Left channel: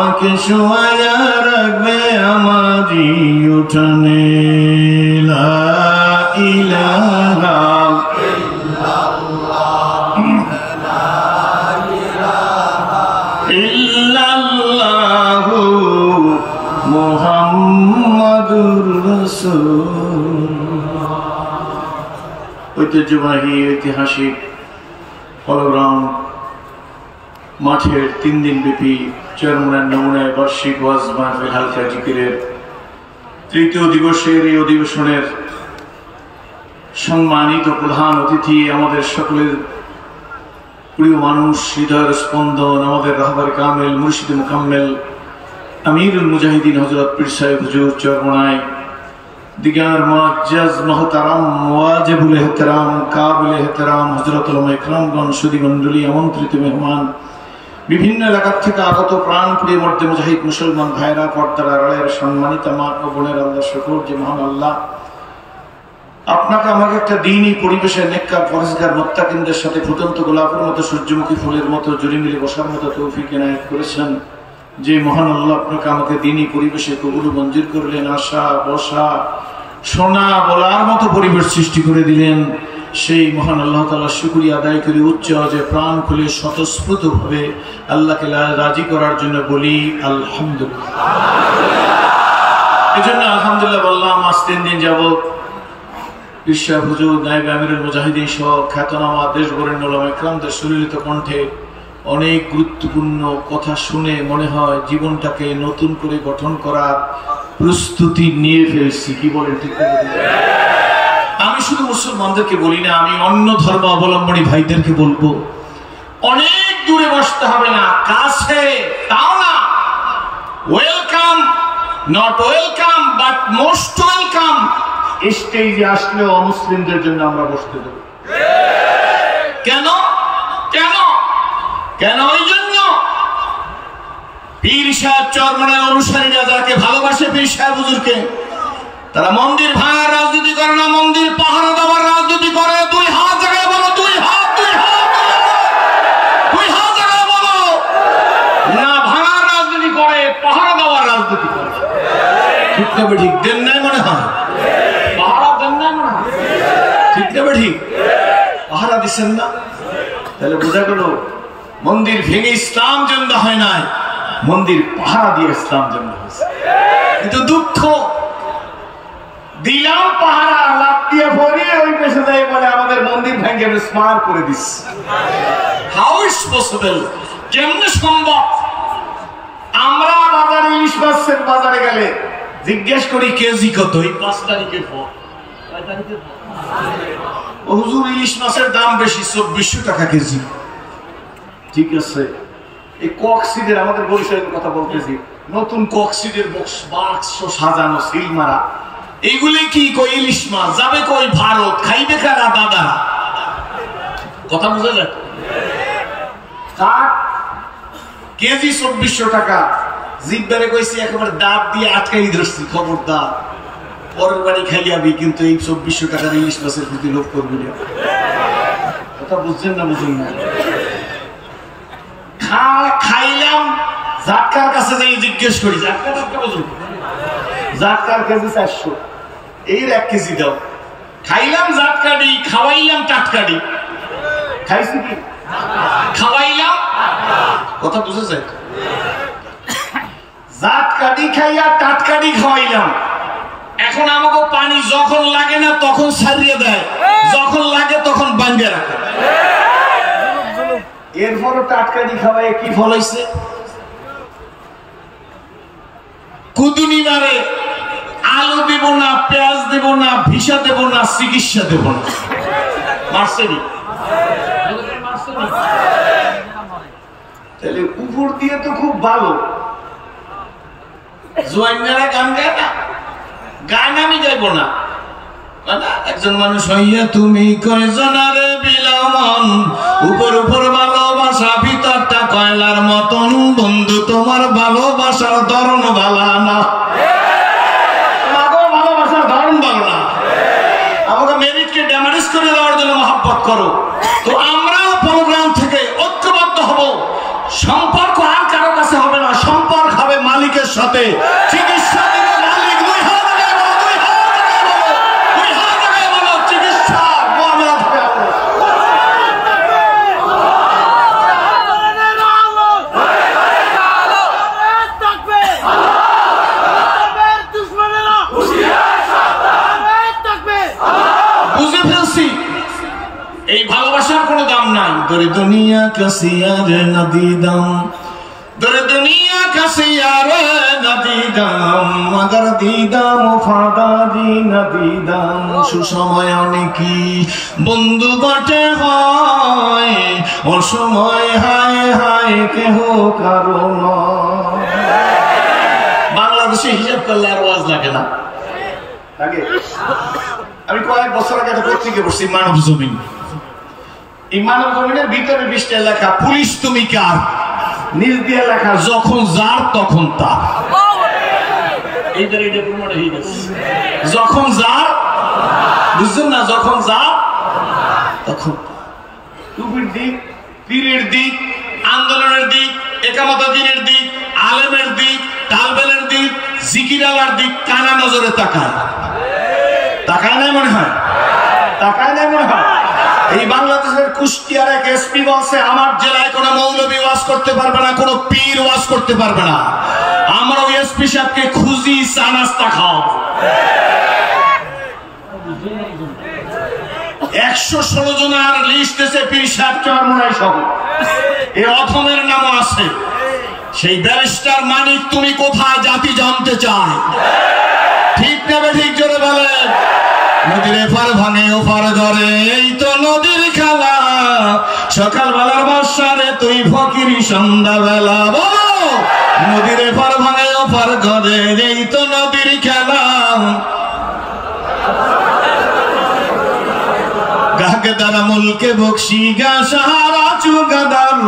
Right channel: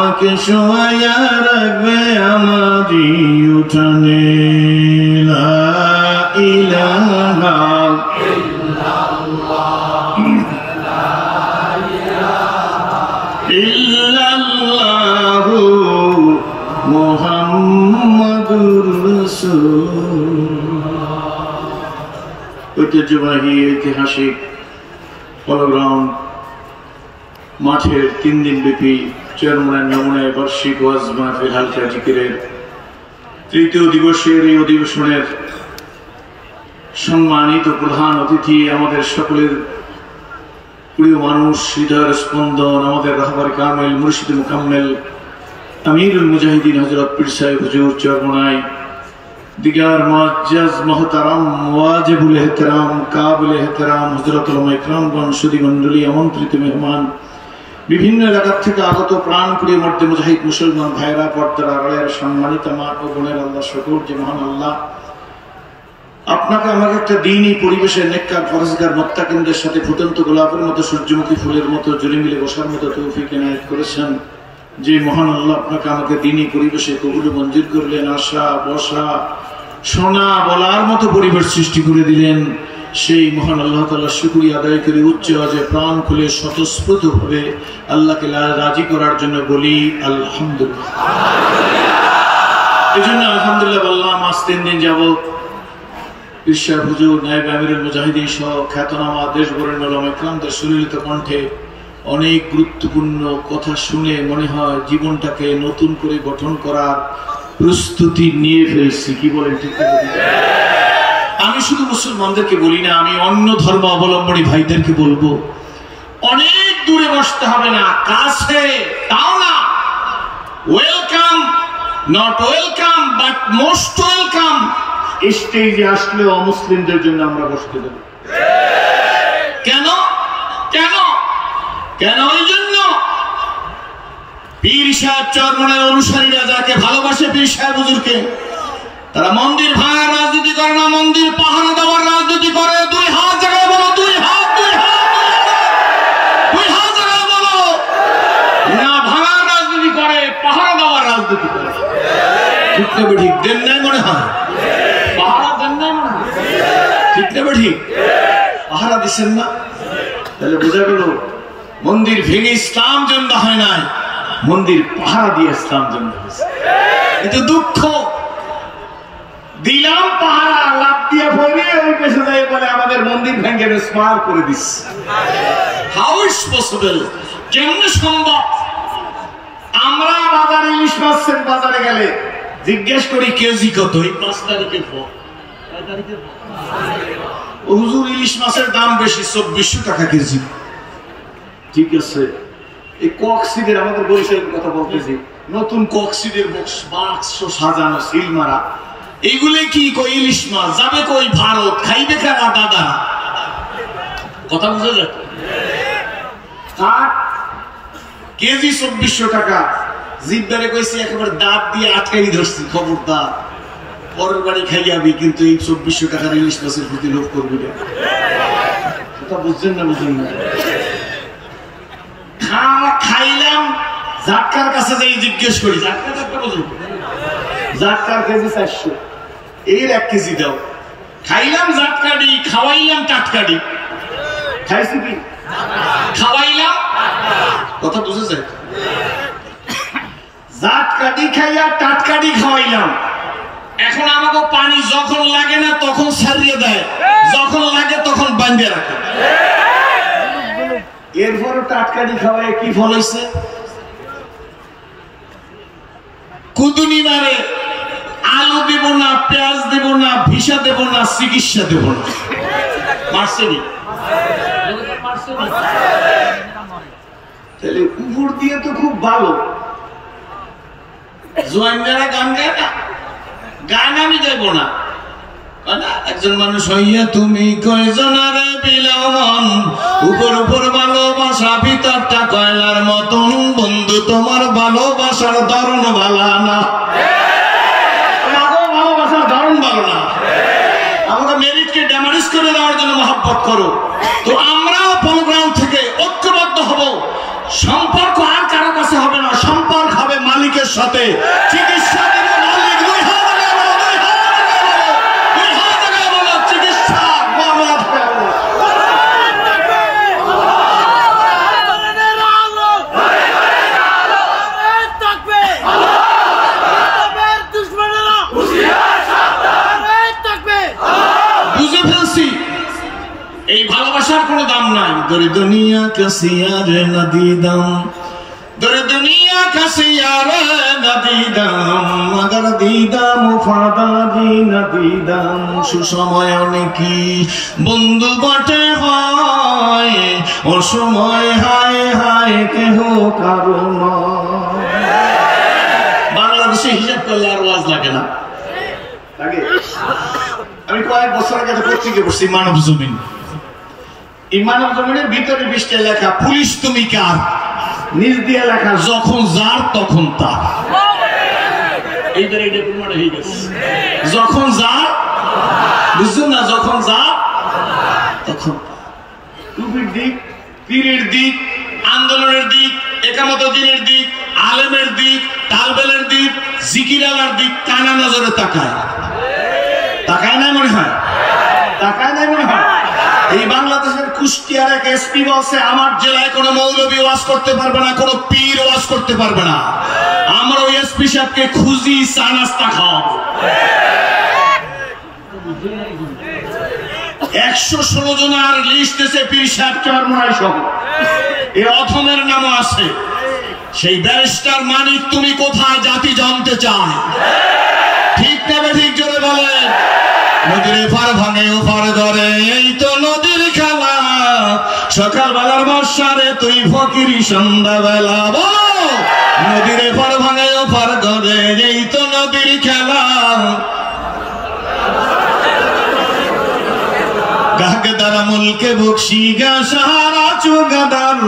আমাকে শোয়া রাখবে আমারই উঠানে লা ইলাহা ইল্লাল্লাহু মুহাম্মাদুর রাসূলুল্লাহ। ঐতিহ্যবাহী ঐতিহাসিক পলগ্রাউন্ড মাঠের 3 দিন ব্যাপী চরমনায় নমুনায় বার্ষিক ওয়াজ মাহফিল হালকা জিকিরের 3য় দিবসের এই অধিবেশনের সম্মানিত প্রধান অতিথি, আমাদের সকলের প্রিয় মানুষ, হৃদয়ের স্পন্দন, আমাদের রাহবার কামেল মুর্শিদ মুকাম্মেল আমিরুল মুজাহিদিন হযরত পীর সাহেব হুজুর চরমনায় দিগার মুআজ্জাজ মুহতারাম ওয়াজিবুল ইহতিরাম কাবিল ইহতিরাম হযরত উলামা ইকরামগণ, সুধী মণ্ডলী, আমন্ত্রিত মেহমান, বিভিন্ন এলাকা থেকে আগত প্রাণপ্রিয় মর্দে মুজাহিদ মুসলমান ভাইরা, পর্দার আড়ালের সম্মানিত মা ও বোনের, আল্লাহ শুকর যে মহান আল্লাহ আপনাকে আমাকে একটা দ্বীনি পরিবেশে নেককার ফরজগার মুত্তাকিনদের সাথে ফুটন্ত গোলাপের মতো, সূর্যমুখী ফুলের মতো জুড়ে মিলে বসার মতো তৌফিক এনায়েত করেছেন। যে মহান আল্লাহ আপনাকে আমাকে দ্বীনি পরিবেশে কবুল মঞ্জুর করলেন, আসা বসা শোনা বলার মতো পরিবেশ সৃষ্টি করে দিলেন, সেই মহান আল্লাহ তাআলার শুকরিয়া আদায় করে উচ্চ আওয়াজে প্রাণ খুলে স্বতঃস্ফূর্ত ভাবে আল্লাহকে রাজি করার জন্য বলি আলহামদুলিল্লাহ। এই জন্য আলহামদুলিল্লাহ বললাম। আজ 3 দিন যাবত পীর সাহেব হুজুর নায়েব আমিরুল মুজাহিদিন সহ খ্যাতনামা দেশবরেণ্য উলামা ইকরামদের সুললিত কণ্ঠে অনেক গুরুত্বপূর্ণ কথা শুনে মনে হয় জীবনটাকে নতুন করে গঠন করার প্রস্তুতি নিয়ে ফেলছি। কি বলেন? ঠিক আছে। আমি শুধু মুসলমানদেরকে বলি না, আমি অন্য ধর্ম অবলম্বনী ভাইদেরকে বলবো, অনেক দূরে বসতে হবে না, কাছে তাও না, welcome, not welcome but most welcome স্টেজে আসলে অমুসলিমদের জন্য আমরা বসতে দেব। কেন কেন কেন? ওই জন্য পীর সাহেব চরমনায় অনুসারীরা যাকে ভালোবাসে পীর সাহেব হুজুরকে, তারা মন্দির ভাঙার রাজনীতি করে না, মন্দির পাহারা দেওয়ার রাজনীতি করে। 2 হাত জায়গায় বলো, 2 হাত, 2 হাত, 2 হাত জায়গায় বলো না। ভাঙার রাজনীতি করে, পাহারা দেওয়ার রাজনীতি করে। ঠিক না ঠিক? দেন নাই মনে হয়, পাহারা দেন নাই মনে হয়। ঠিক না ঠিক? পাহারা দিচ্ছেন না, তাহলে বোঝা গেল মন্দির ভেঙে ইসলাম জেন্দা হয় নাই, মন্দির পাহারা দিয়ে ইসলাম জেন্দা হয়েছে। কিন্তু দুঃখ, দিলাম পাহারা, লাভ দিয়ে ভরিয়ে ওই পেছনে যাই বলে আমাদের মন্দির ভেঙে বিস্মার করে দিচ্ছে। How is possible? কেমনে সম্ভব? আমরা বাজারে ইলিশ মাছের বাজারে গেলে জিজ্ঞেস করি কেজি কত? এই 5 তারিখের পর। কয় তারিখের পর? ও হুজুর ইলিশ মাছের দাম বেশি, 2400 টাকা কেজি। ঠিক আছে। এই কক্সিডের, আমাদের বরিশালের কথা বলতেছি, নতুন কক্সিডের বাক্স সাজানো সিল মারা, এইগুলি কি কই ইলিশ মাছ যাবে কই ভারত, খাইবে কারা দাদা? কথা বুঝা যায়? কেজি 2400 টাকা। জিব্বারে কইছি একেবারে দাঁত দিয়ে আটকাই ধরছি, খবরদার পরের বাড়ি খাই যাবি, কিন্তু এই 2400 টাকার ইলিশ মাছের প্রতি লোভ করবি না। কথা বুঝছেন না? বুঝেন না? খাইলাম, জাটকার কাছে যাই জিজ্ঞেস করি, জাটকা বুঝুন, জাটকার কেজি 400, এই 1 কেজি দাও। খাইলাম জাটকাডি, খাওয়াইলাম টাটকাডি। খাইছি কি? খাওয়াইলাম। কথা বুঝে যায়? জাটকাডি খাইয়া টাটকাডি খাওয়াইলাম। এখন আমাকে পানি যখন লাগে না তখন ছাড়িয়ে দেয়, যখন লাগে তখন বাঁধে রাখে। এরপরও টাটকাডি খাওয়াই কি ফল হয়েছে? কুদুনি মারে, আলু দেব না, পেঁয়াজ দেব না, ভিসা দেব না, চিকিৎসা দেব না। মার্সেনি তাহলে উপর দিয়ে তো খুব ভালো। জোয়াইনারা গান গায় না, গান আমি গাইব না। একজন মানুষ হইয়া তুমি কয়জনারে বিলাও মন, উপর উপর ভালোবাসা ভিতরটা কয়লার মতন, বন্ধু তোমার ভালোবাসার ধরন ভালো না। ভালোবাসার ধরন ভালো না, আমাকে মেরিটকে ড্যামেজ করে দেওয়ার জন্য মহব্বত করো। তো আমরাও প্রোগ্রাম থেকে ঐক্যবদ্ধ হব। সম্পর্ক আর কারো কাছে হবে না, সম্পর্ক সাথে চিকিৎসা দিবে মালিক। 2 হাত বলো চিকিৎসা মামলা থেকে বুঝে ফেলছি এই ভালোবাসার কোনো দাম নাই। দরে দুনিয়া কাছে আর নদী দাম, দরে দুনিয়া কাছে আর নদী দাম, মগর দিদাম ফাদাদি নদী দাম। সুসময় অনেকই বন্ধু বটে হয়, অসময় হায় হায় কেহ কারণ। বাংলাদেশে হিসাব করলে আর ওয়াজ লাগে না, লাগে। আমি কয়েক বছর আগে একটা পত্রিকা পড়ছি, মানব জমিন। এই মানব জমিনের ভিতরে 20টা লেখা, পুলিশ তুমি কার, নিজ দিয়ে লেখা যখন যার তখন তার। এইবার এটা প্রমাণ হয়ে গেছে, যখন যার, বুঝছেন না, যখন যার তখন তার। টুপির দিক, পীরের দিক, আন্দোলনের দিক, একামতের দিনের দিক, আলেমের দিক, তালবেলের দিক, জিকিরালার দিক কানা নজরে তাকায়। তাকায় নাই মনে হয়, তাকায় নাই মনে হয়। এই বাংলাদেশের কুষ্টিয়ার এক এসপি বলছে আমার জেলায় কোনো মৌলবী ওয়াজ করতে পারবে না, কোনো পীর ওয়াজ করতে পারবে না। আমরা ওই এসপি সাহেবকে খুঁজি, চা নাস্তা খাওয়াবো। 116 জনের লিস্ট এসে পীর সাহেব চরমনাই সহ এই অথমের নামও আছে। সেই ব্যারিস্টার মানিক তুমি কোথায়, জাতি জানতে চায়। ঠিক না ঠিক জোরে বলেন। নদীর এপার ভাঙে ওপার ধরে, এই তো নদীর খেলা। সকালবেলার বাসারে তুই ফকিরি সন্ধ্যাবেলা। বলো নদীর এপার ভাঙে ওপার ধরে, এই তো নদীর খেলা। গাকে দ্বারা মুলকে বকশি গা সাহারা চুগাদার,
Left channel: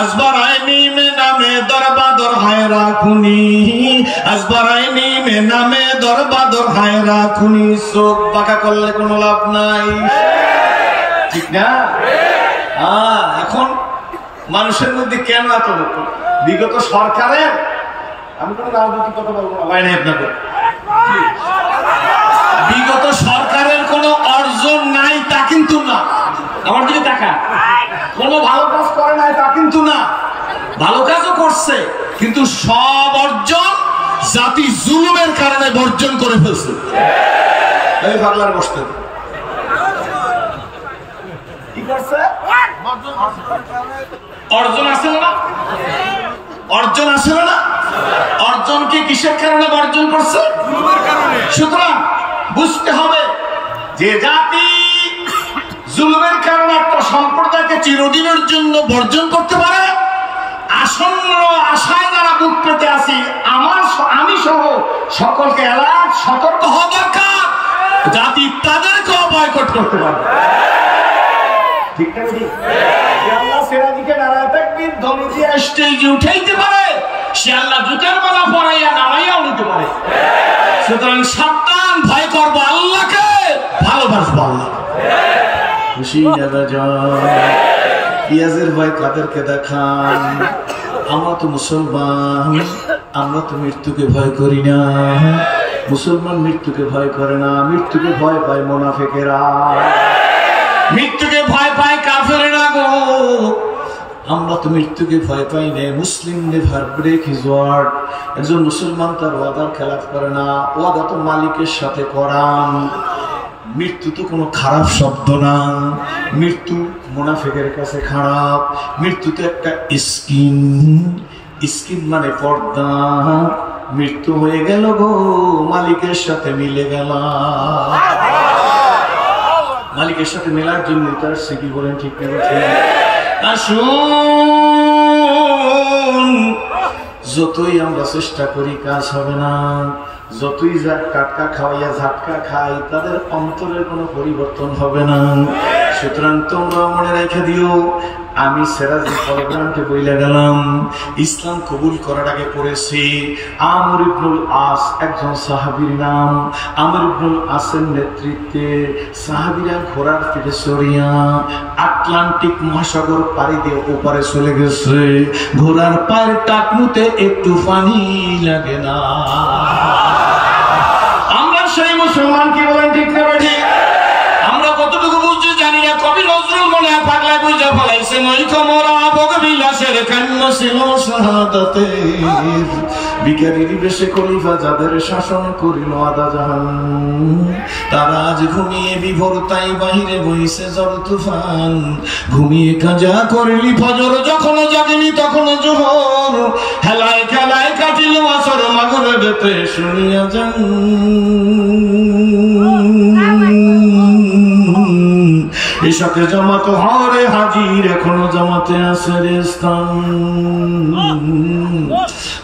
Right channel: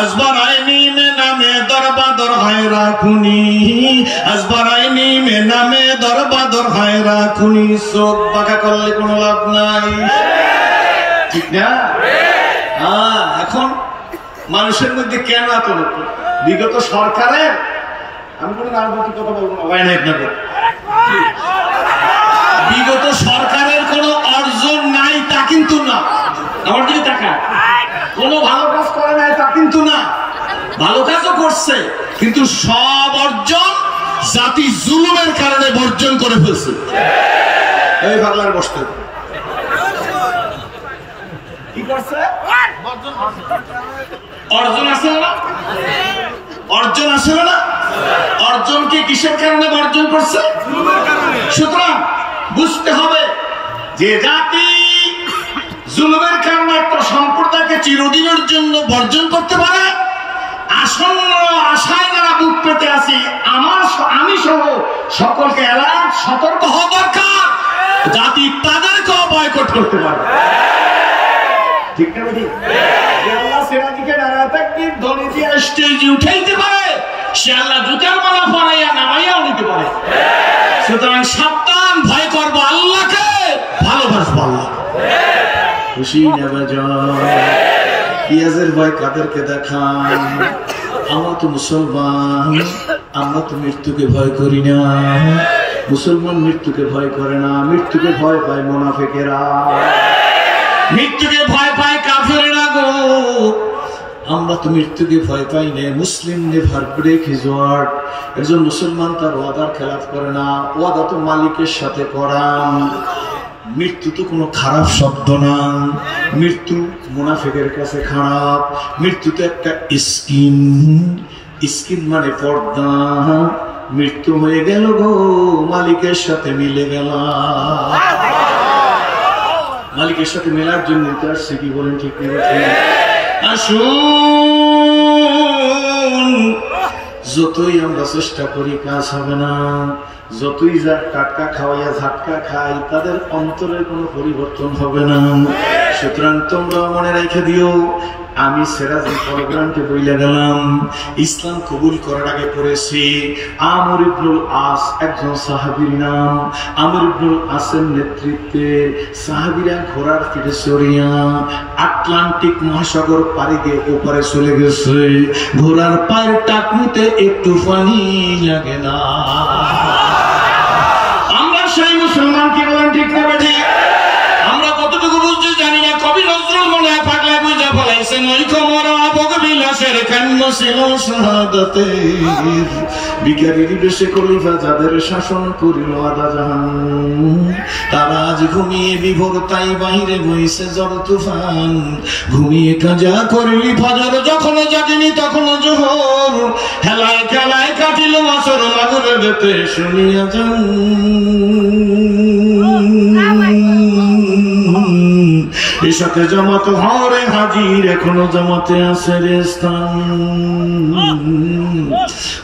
আসবারাইনি মে নামে দরবাদর হায় রাখুনি, আসবারাইনি মে নামে দরবাদর হায় রাখুনি। চোখ বাঁকা করলে কোনো লাভ নাই, ঠিক না? এখন মানুষের মধ্যে কেন এত লোক? বিগত সরকারের, আমি কোনো রাজনৈতিক কথা বলবো না, ভাই না আপনাকে, বিগত সরকারের কোনো অর্জন নাই তা কিন্তু না। আমার দিকে তাকান, কোনো ভালো কাজ করে নাই তা কিন্তু না, ভালো কাজও করছে, কিন্তু সব অর্জন জাতি জুলুমের কারণে বর্জন করে ফেলছে। এই পাগলার বসতে কি করছে? অর্জন আছে না, অর্জন আছে না, অর্জনকে কিসের কারণে বর্জন করছে? জুলুমের কারণে। সুতরাং বুঝতে হবে যে জাতি জুলুমের কারণে একটা সম্প্রদায়কে চিরদিনের জন্য বর্জন করতে পারে। আসন্ন আশায় যারা বুক পেতে আছি, আমি সহ সকলকে অ্যালার্ট, সতর্ক হওয়া দরকার। জাতি তাদেরকেও বয়কট করতে পারে, ঠিক না? ঠিক। আল্লাহ সিরাজিকে নারায়ে তাকবীর ধ্বনি দিয়ে স্টেজে উঠাইতে পারে, সে আল্লাহ জুতার মালা পরাইয়া নামাইয়াও নিতে পারে। সুতরাং সাবধান, ভয় করবো আল্লাহকে, ভালোবাসবো আল্লাহ। খুশি পিয়াজের ভয় কাদেরকে দেখান? আমরা তো মুসলমান, আমরা তো মৃত্যুকে ভয় করি না। মুসলমান মৃত্যুকে ভয় করে না, মৃত্যুকে ভয় পায় মুনাফিকেরা, মৃত্যুকে ভয় পায় কাফেরেরা গো। আমরা তো মৃত্যুকে ভয় পাই না। মুসলিম নেভার ব্রেক হিজ ওয়ার্ড। একজন মুসলমান তার ওয়াদার খেলাফ করে না, ওয়াদা তো মালিকের সাথে করান। মৃত্যু তো কোনো খারাপ শব্দ না, মৃত্যু মুনাফিকের কাছে খারাপ। মৃত্যু তো একটা স্কিন, স্কিন মানে পর্দা। মৃত্যু হয়ে গেল গো, মালিকের সাথে মিলে গেল। মালিকের সাথে মেলার জন্য তার সে কি বলেন, ঠিক নেই? আসুন, যতই আমরা চেষ্টা করি কাজ হবে না। যতই টাটকা খাওয়াইয়া ঝাটকা খাই, তাদের অন্তরের কোনো পরিবর্তন হবে না। সুতরাং তোমরা মনে রেখে দিও, আমি সিরাজুল প্রোগ্রামকে বইলে গেলাম ইসলাম কবুল করার আগে পড়েছি আমর ইবনুল আস, একজন সাহাবীর নাম। আমর ইবনুল আসের নেতৃত্বে সাহাবীরা ঘোড়ার পিঠে চড়িয়া আটলান্টিক মহাসাগর পাড়ি দিয়ে ওপারে চলে গেছে। ঘোড়ার পায়ের টাকনুতে একটু পানি লাগে না। আমরা সেই মুসলমান, কি বলেন ঠিক না ঠিক? আমরা কতটুকু বুঝছি জানি না। কবি নজরুল মনে হয় পাগলা বুঝা ফেলাইছেন, ওই কমরা ভোগবিলাসের কান্য ছিল শাহাদাতের, ভিখারির বেশে খলিফা যাদের শাসন করিল আদা জাহান, তারা আজ ঘুমিয়ে বিভোর তাই বাহিরে বইছে জল তুফান। ঘুমিয়ে কাজা করলি ফজর, যখন জাগিনি তখন জোহর, হেলায় খেলায় কাটিল মাসর মাগুরে বেতে শুনিয়া যান। এসাকে জামাত হরে হাজির, এখনো জামাতে আছে রে স্থান।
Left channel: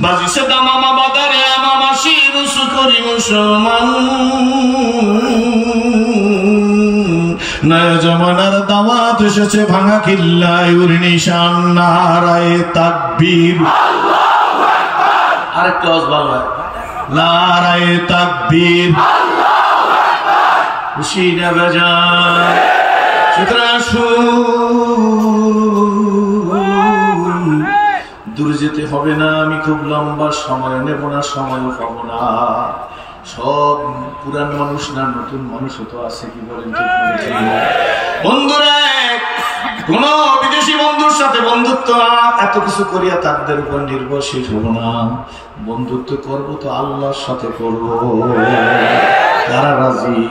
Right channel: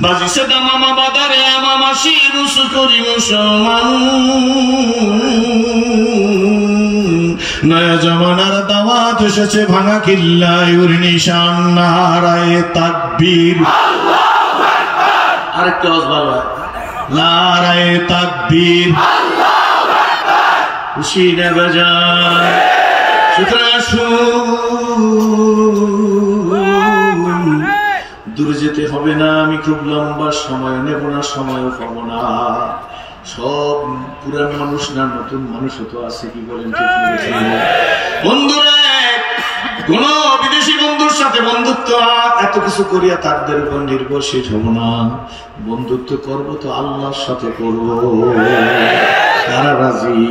বাজিছে দামামা বাদারে আমামা শিরুস করি মুসলমান, নয়া জামানার দাওয়াত এসেছে ভাঙা কিল্লায় ওর নিশান। নারায়ে তাকবীর, আরেকটা আওয়াজ ভালো হয়, নারায়ে তাকবীর, খুশি না বেজান। দূরে যেতে হবে না, আমি খুব লম্বা সময় নেব না, সময়ও পাবো না। সব পুরান মানুষ না, নতুন মানুষও তো আছে, কি বলেন ঠিক? বন্ধুরা, কোন বিদেশি বন্ধুর সাথে বন্ধুত্ব এত কিছু করিয়া তাদের উপর নির্ভরশীল হব না। বন্ধুত্ব করব তো আল্লাহর সাথে করব। তারা রাজি?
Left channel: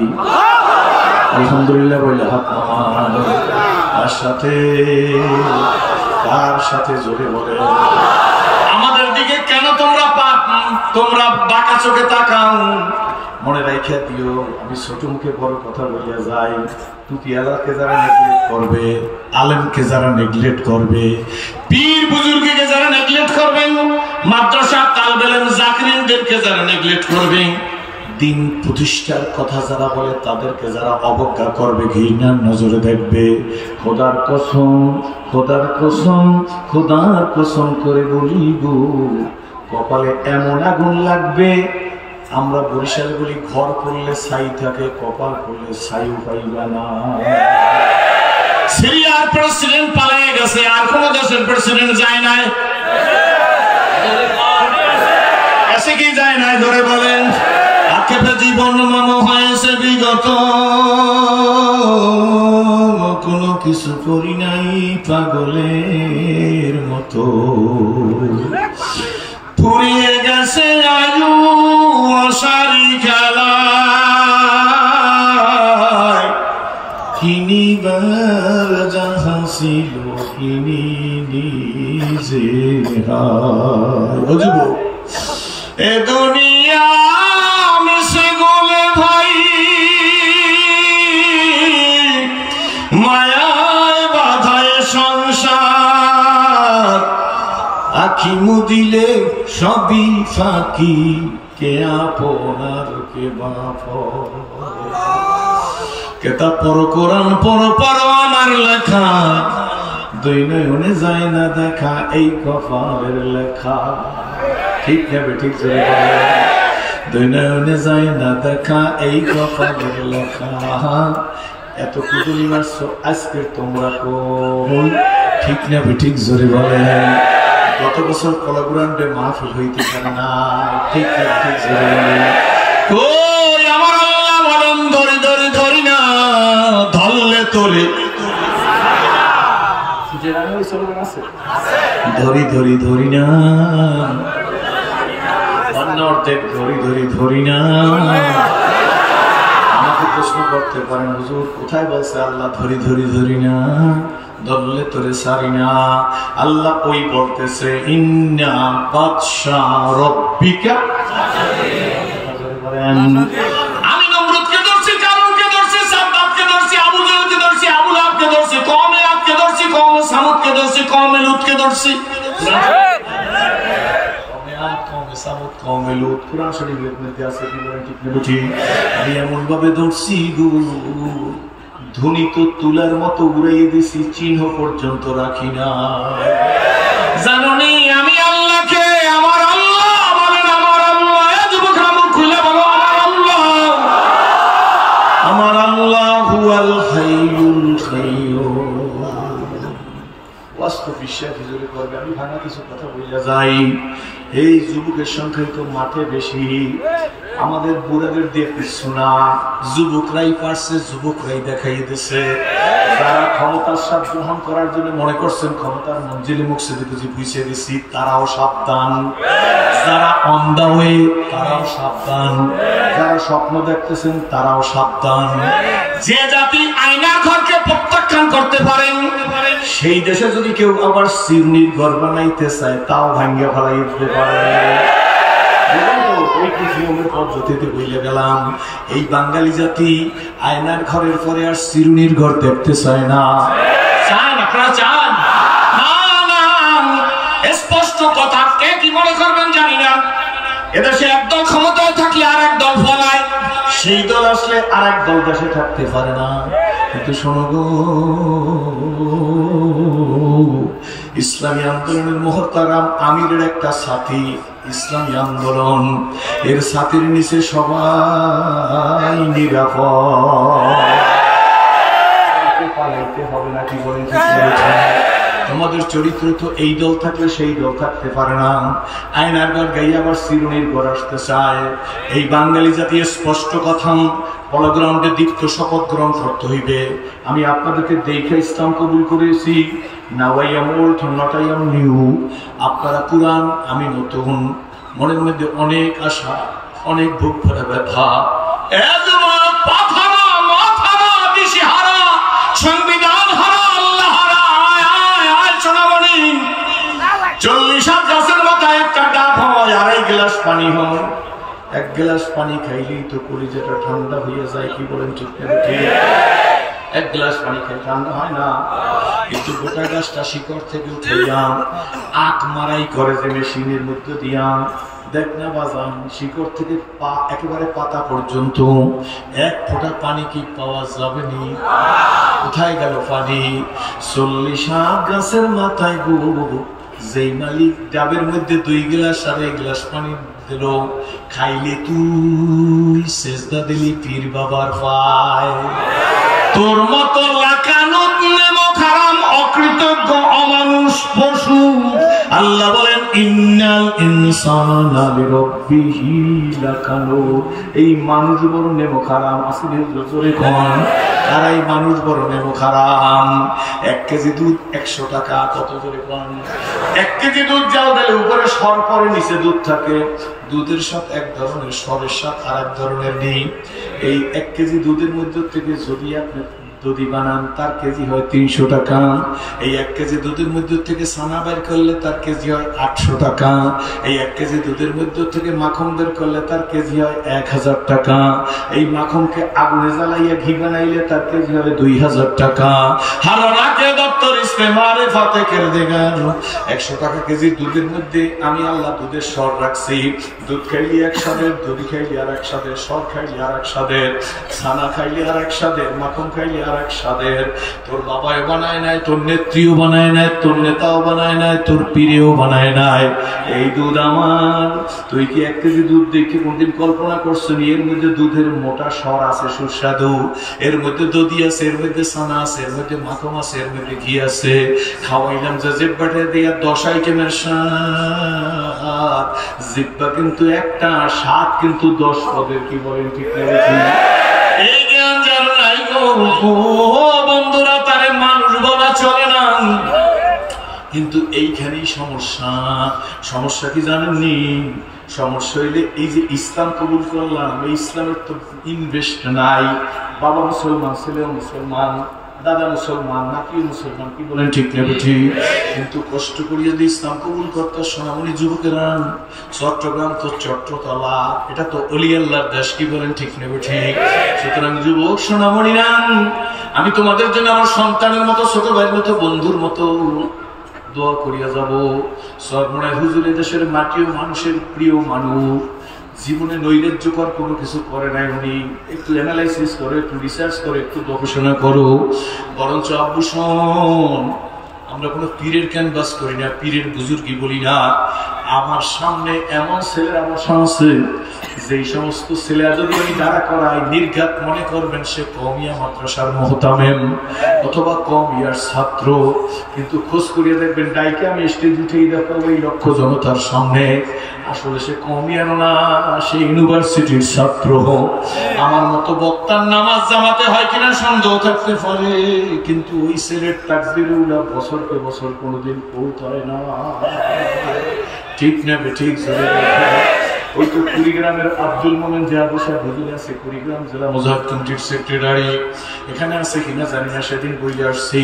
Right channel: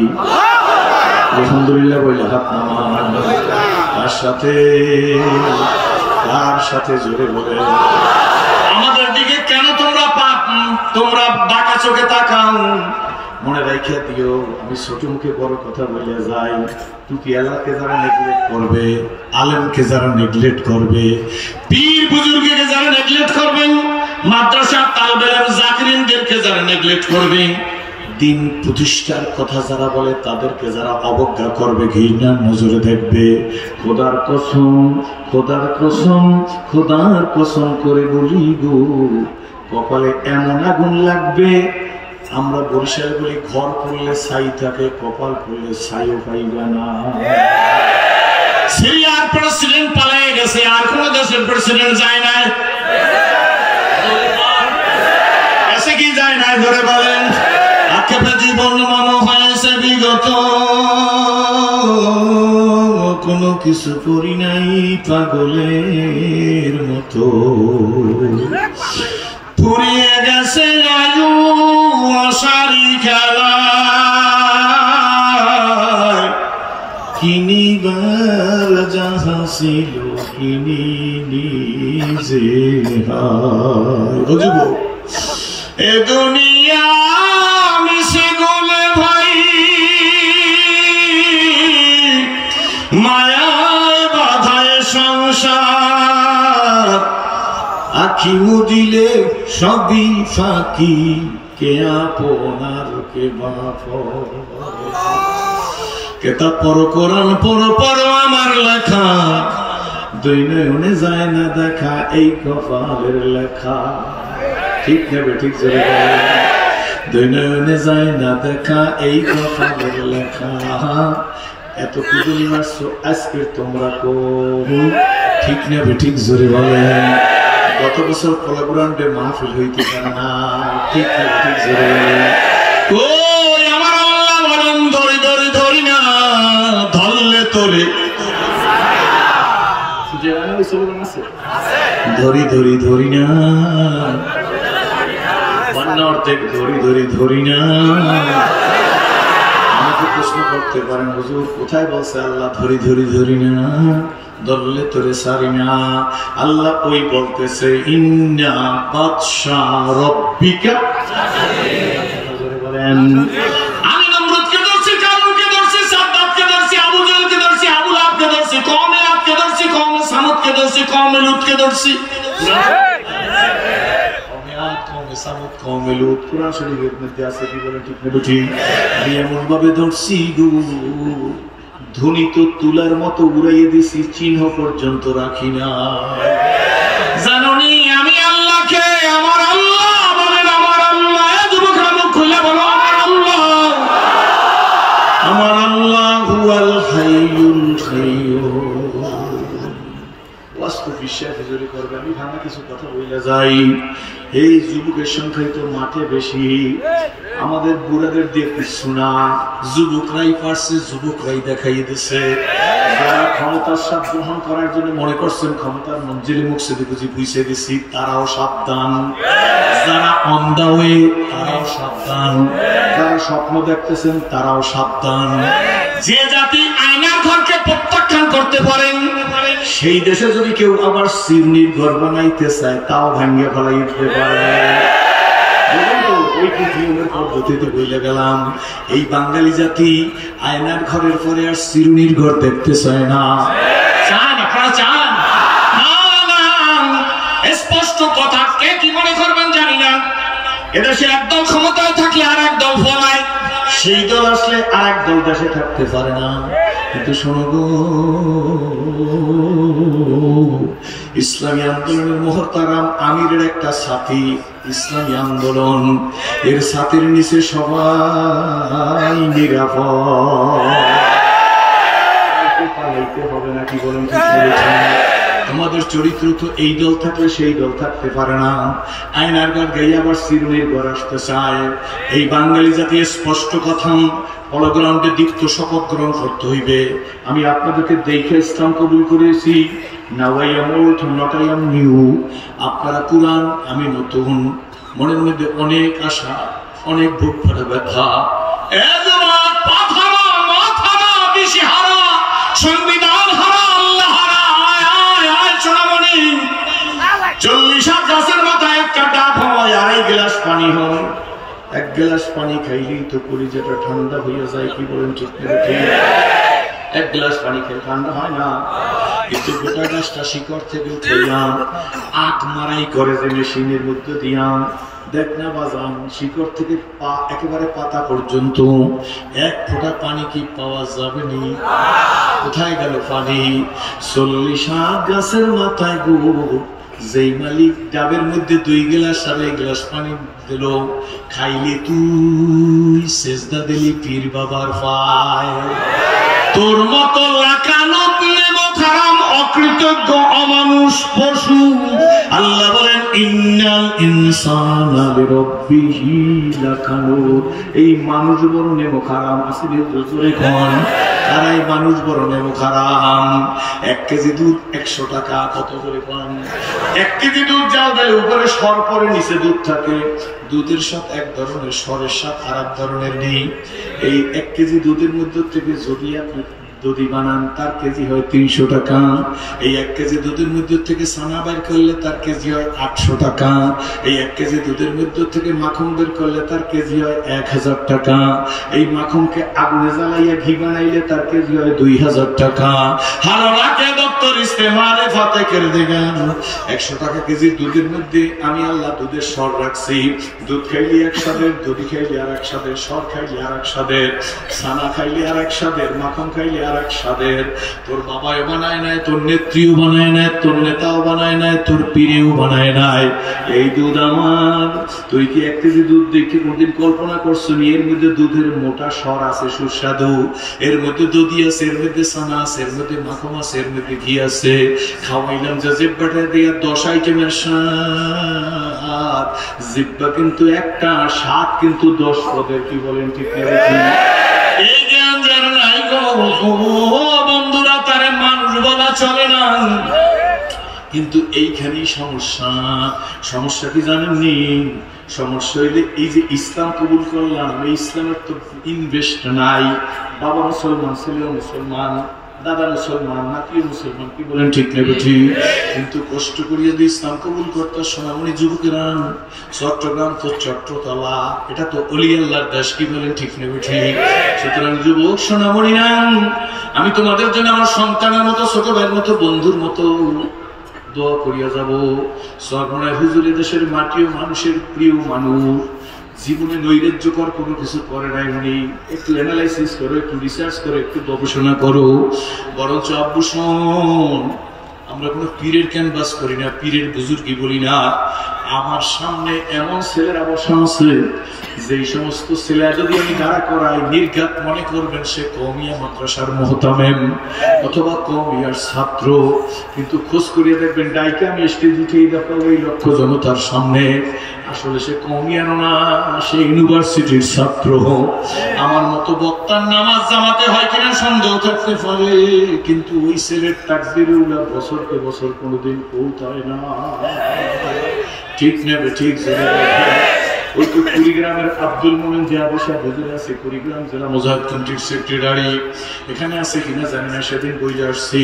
আলহামদুলিল্লাহ বলে হাত নামান। তার সাথে, তার সাথে জোরে বলে, আমাদের দিকে কেন তোমরা বাঁকা চোখে তাকাও? মনে রেখে দিও, আমি ছোট মুখে বড় কথা বলে যাই। টুপি আলাকে যারা নেগলেক্ট করবে, আলেমকে যারা নেগলেক্ট করবে, পীর বুজুর্গকে যারা নেগলেক্ট করবেন, মাদ্রাসা তালবে ইলম জাকিরিনদেরকে যারা নেগলেক্ট করবে, দিন প্রতিষ্ঠার কথা যারা বলে তাদেরকে যারা অবজ্ঞা করবে, ঘৃণার নজরে দেখবে, খোদার কসম, খোদার কসম, খোদার কসম করে বলি গো, কপালে এমন আগুন লাগবে। আমরা বরিশাল বলি ঘর করলে ছাই থাকে, কপাল করলে ছাইও পাইবে না। সিরিয়ার প্রেসিডেন্ট পালিয়ে গেছে, আর কোন দেশের প্রেসিডেন্ট যায় না, এসে কি যায় না? ধরে বলেন, আক্ষেপে জীবন মন হয়েছে বিগত, কোনো কিছু করি নাই পাগলের মতো। ফুরিয়ে গেছে আয়ু আশারি খেলায়, কিনিবার যাহা ছিল কিনি নিজে হায়। এ দুনিয়া মিশে গলে ভাই, মায়ায় বাধায় সংসার, আখি মুদিলে সবই ফাঁকি, কে আপনার কে বাপ। কেতাব পড়ো, কোরআন পড়ো, পড়ো আমার লেখা, দুই নয়নে যায় না দেখা, এই কপালের লেখা। ঠিক নেবে, ঠিক যে দুই নয়নে যায় না দেখা, এই কপালের লেখা। এত কুদুলি মারছো আজকে তোমরা কোন, ঠিক নেবে, ঠিক জোরে বলেন। গত বছর কলাগুরান্ডে মাহফিল হইতে পারে না, ঠিক নেবে, ঠিক জোরে বলেন। কই আমার আল্লাহ বলেন, ধরি ধরি ধরি না, ধরলে তোলে, ধরি ধরি ধরি না, অর্ধেক ধরি ধরি ধরি না। আমাকে প্রশ্ন করতে পারেন, হুজুর কোথায় বলছে আল্লাহ ধরি ধরি ধরি না, ধরলে তোরে সারি না? আল্লাহ ওই বলতেছে, ইন্না বাদশা রব্বিকা, আমি নমরুদকে ধরছি, কারুনকে ধরছি, সাদ্দাতকে ধরছি, আবু জাহলকে ধরছি, আবু লাহাবকে ধরছি, কওমে আদকে ধরছি, কওমে সামুদকে ধরছি, কওমে লুতকে ধরছি। আমি এমন ভাবে ধরছি গো, ধুনি তো তুলার মতো উড়াইয়ে দিছি, চিহ্ন পর্যন্ত রাখি না। জানোনি আমি আল্লাহকে, আমার আল্লাহ বলেন, আমার আল্লাহ। যুবকরা মুখ খুলে বলো, আমার আল্লাহ, আমার আল্লাহ হুয়াল হাইয়ুল কাইয়্যুম। বাস্তব বিশ্বাস হুজুরে করবে। আমি ভাঙা কিছু কথা বলে যাই। এই যুবকের সংখ্যাই তো মাঠে বেশি, আমাদের বুড়াদের দিয়ে কিছু না। যুবকরাই পারছে, যুবকরাই দেখাই দিছে। যারা ক্ষমতার স্বাদ গ্রহণ করার জন্য মনে করছেন ক্ষমতার মঞ্জিলে মুখ সেদিকে বুঝি বুঝে দিছি, তারাও সাবধান। যারা অন্ধা হয়ে, তারাও সাবধান। যারা স্বপ্ন দেখতেছেন, তারাও সাবধান। যে জাতি আয়নার ঘরকে প্রত্যাখ্যান করতে পারেন, সেই দেশে যদি কেউ আবার সিরনির ঘর বানাইতে চায়, তাও ভাঙ্গে ফেলাই দিতে পারে। এই বাঙালি জাতি আয়নার ঘরের পরে আর চিরুনির ঘর দেখতে চায় না। চান আপনারা? চান না? স্পষ্ট কথা। কে কি মনে করবেন জানি না। এদেশে একদল ক্ষমতায় থাকলে আর এক দল ফলায়, সেই দল আসলে আর এক দল দেশে থাকতে পারে না। কিন্তু শোনো গো, ইসলামী আন্দোলনের মুহতারাম আমিরের একটা সাথী, ইসলামী আন্দোলন, এর সাথীর নিচে সবাই নিরাপদ। পালাইতে হবে না, কি বলেন? তোমাদের চরিত্র তো এই দল থাকলে সেই দল থাকতে পারে না। আয়নার ঘর গাইয়ে আবার চিরুনির ঘর আসতে চায়। এই বাঙালি জাতি স্পষ্ট কথা, হলগ্রাউন্ডে দীপ্ত শপথ গ্রহণ করতে হইবে। আমি আপনাদেরকে দেখে ইসলাম কবুল করেছি। Now I am old, not I am new. আপনারা পুরান, আমি নতুন। মনের মধ্যে অনেক আশা, অনেক বুক ভরা ব্যথা। সংবিধান হারা, আল্লাহ হারা। 40 গাছের মাথায় একটা ডাব হয়, 2.5 গ্লাস পানি হয়। 1 গ্লাস পানি খাইলেই তো কলিজাটা ঠান্ডা হয়ে যায়, কি বলেন? ঠিক না? 1 গ্লাস পানি খেলে ঠান্ডা হয় না। কিন্তু গোটা গাছটা শিকড় থেকে উঠাইলাম, আট মারাই করে যে মেশিনের মধ্যে দিয়াম, দেখ না বাজান, শিকড় থেকে একেবারে পাতা পর্যন্ত 1 ফোঁটা পানি কি পাওয়া যাবে নি? কোথায় গেল পানি? 40 গাছের মাথায় গো, যেই মালিক ডাবের মধ্যে 2 গ্লাস 2.5 গ্লাস পানি দিল, খাইলে তুই সেজদা দিলি পীর বাবার পায়। তোর মতো লাকানুত নেমক হারাম, অকৃতজ্ঞ, অমানুষ, পশু। আল্লাহ বলেন, ইন্নাল ইনসানা লিরাব্বিহি লাকানুত। এই মানুষ বড় নেমক হারাম। আসলে জোরে কোন আর এই মানুষ বড় নেমক হারাম। 1 কেজি দুধ 100 টাকা। কত করে কোন? 1 কেজি দুধ যাও দিলে উপরে সর পরে, নিচে দুধ থাকে। দুধের স্বাদ এক ধরনের, সরের স্বাদ আর এক ধরনের নেই। এই 1 কেজি দুধের মধ্যে থেকে যদি আপনি দধি বানান, তার কেজি হয় 300 টাকা। এই 1 কেজি দুধের মধ্যে থেকে ছানা বের করলে তার কেজি হয় 800 টাকা। এই 1 কেজি দুধের মধ্যে থেকে মাখন বের করলে তার কেজি হয় 1000 টাকা। এই মাখনকে আগুনে জ্বালাইয়া ঘি বানাইলে তার কেজি হয় 2000 টাকা। হারালাকে দপ্তর ইস্তেমারে ফাতে করে দেবেন। 100 টাকা কেজি দুধের মধ্যে আমি আল্লাহ দুধের স্বর রাখছি। দুধ খাইলে এক স্বাদের, দধি খাইলে আর এক স্বাদের, স্বর খাইলে আর এক স্বাদের, ছানা খাইলে আর এক স্বাদের, মাখন খাইলে আর এক স্বাদের। তোর বাবাও বানায় নাই, তোর নেত্রীও বানায় নাই, তোর নেতাও বানায় নাই, তোর পীরেও বানায় নাই। এই দুধ আমার। তুই কি 1 কেজি দুধ দেখে কোনদিন কল্পনা করছো এর মধ্যে দুধের মোটা স্বর আছে, সুস্বাদু, এর মধ্যে দধি আছে, এর মধ্যে ছানা আছে, এর মধ্যে মাখন আছে, এর মধ্যে ঘি আছে। খাওয়াইলাম যে জিব্বাটা দিয়া 10 আইটেমের স্বাদ। জিব্বা কিন্তু একটা, স্বাদ কিন্তু 10 পদের। কি বলেন? ঠিক না? এই জ্ঞান যার নাই গো বন্ধুরা, তারে মানুষ বলা চলে না। কিন্তু এইখানেই সমস্যা। সমস্যা কি জানেননি? সমস্যা হইলে এই যে ইসলাম কবুল করলাম, এই ইসলামের তো ইনভেস্ট নাই। বাবা মুসলমান, ছেলেও মুসলমান, দাদা মুসলমান, নাতিও মুসলমান। কি বলেন? ঠিক নেবে ঠিক। কিন্তু কষ্ট করিয়ে যদি ইসলাম কবুল করতো সোনামণি যুবকেরা, চট্টগ্রাম তো চট্টতলা, এটা তো অলি আল্লাহর দেশ। কি বলেন? ঠিক নেবে ঠিক। সুতরাং যুবক সোনামণিরা, আমি তোমাদের জন্য আমার সন্তানের মতো, ছোট ভাইয়ের মতো, বন্ধুর মতো দোয়া করিয়া যাব। সরমনে হুজুর দেশের মাটিও মানুষের প্রিয় মানুষ। জীবনে নৈরাজ্যকর কোনো কিছু করে নাই উনি। একটু অ্যানালাইসিস করো, একটু রিসার্চ করো, একটু গবেষণা করো। বরঞ্চ আব্বু শোন, আমরা কোনো পীরের ক্যানভাস করি না, পীরের বুজুর্গি বলি না। আমার সামনে এমন ছেলেরা বসা আছে, যে সমস্ত ছেলেরা যদি আমি দাঁড়া করাই নির্ঘাত মনে করবেন সে কওমিয়া মাদ্রাসার মুহতামিম অথবা কওমিয়ার ছাত্র, কিন্তু খোঁজ করিয়ে দেখবেন ডাইকে আমি স্টেজ উঠেই দেখাবো এই লক্ষ জনতার সামনে, আসলে সে কওমিয়ার না, সে ইউনিভার্সিটির ছাত্র। আমার মতো বক্তার নামাজ জামাতে হয় কিনা সন্দেহ থাকতে পারে, কিন্তু ওই ছেলের তাকবীরুল্লাহ বছরকে বছর কোনোদিন পৌঁছায় না। ঠিক না ঠিক? ওই তো কুড়িগ্রামের আব্দুল মোমেন জিয়াদের সাহেব হুজুর আছে, কুড়িগ্রাম জেলা মুজাহিদ কমিটির সেক্রেটারি, এখানে আছে কিনা জানি না, সেদিন বইলে আসছি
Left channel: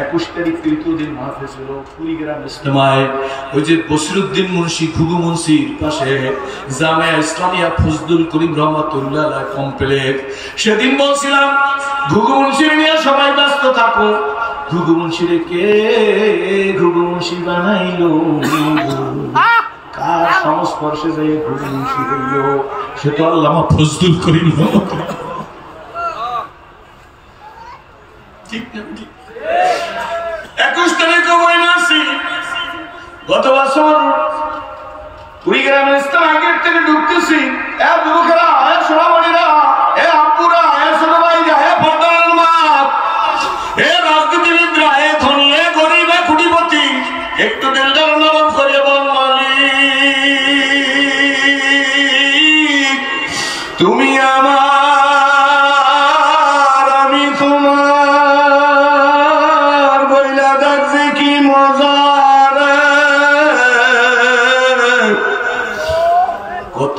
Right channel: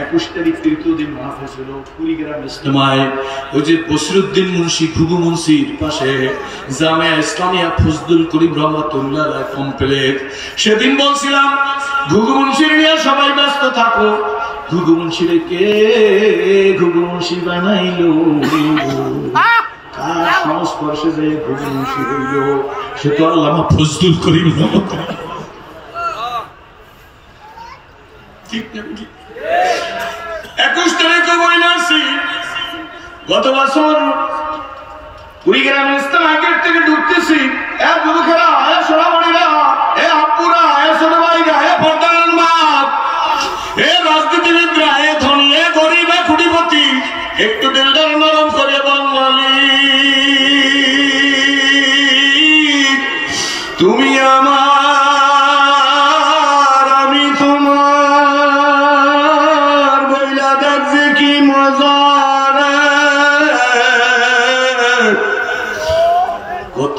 21 তারিখ তৃতীয় দিন মাহফিল ছিল কুড়িগ্রাম ইজতেমায়। ওই যে বসিরউদ্দিন মুন্সি ঘুঘু মুন্সির পাশে জামিয়া ইসলামিয়া ফজলুল করিম রহমাতুল্লাহ আলাইহি কমপ্লেক্স, সেদিন বলছিলাম ঘুঘু মুন্সির নিয়ে সবাই ব্যস্ত থাকো। ঘুঘু মুন্সিরে কে ঘুঘু মুন্সি বানাইলো, কার সংস্পর্শে যে ঘুঘু মুন্সি হইল, সে তো আল্লামা ফজলুল করিম রহমাতুল্লাহ। ঠিক না? 21 তারিখে বইলে আসি, গত বছর কুড়িগ্রামের ইসলাম গেট থেকে ঢুকতেছি, এ যুবকেরা, এ সোনামণিরা, এ আব্বুরা, এ ছোট ভাইরা, এ পর্দার মা, এ রাজনীতিবিদরা, এ ধনী, এ গরিব, এ কোটিপতি, একটু দিলটা নরম করে বল মালিক তুমি আমার, আমি তোমার, বইলা দেখছে কি মজা রে। কত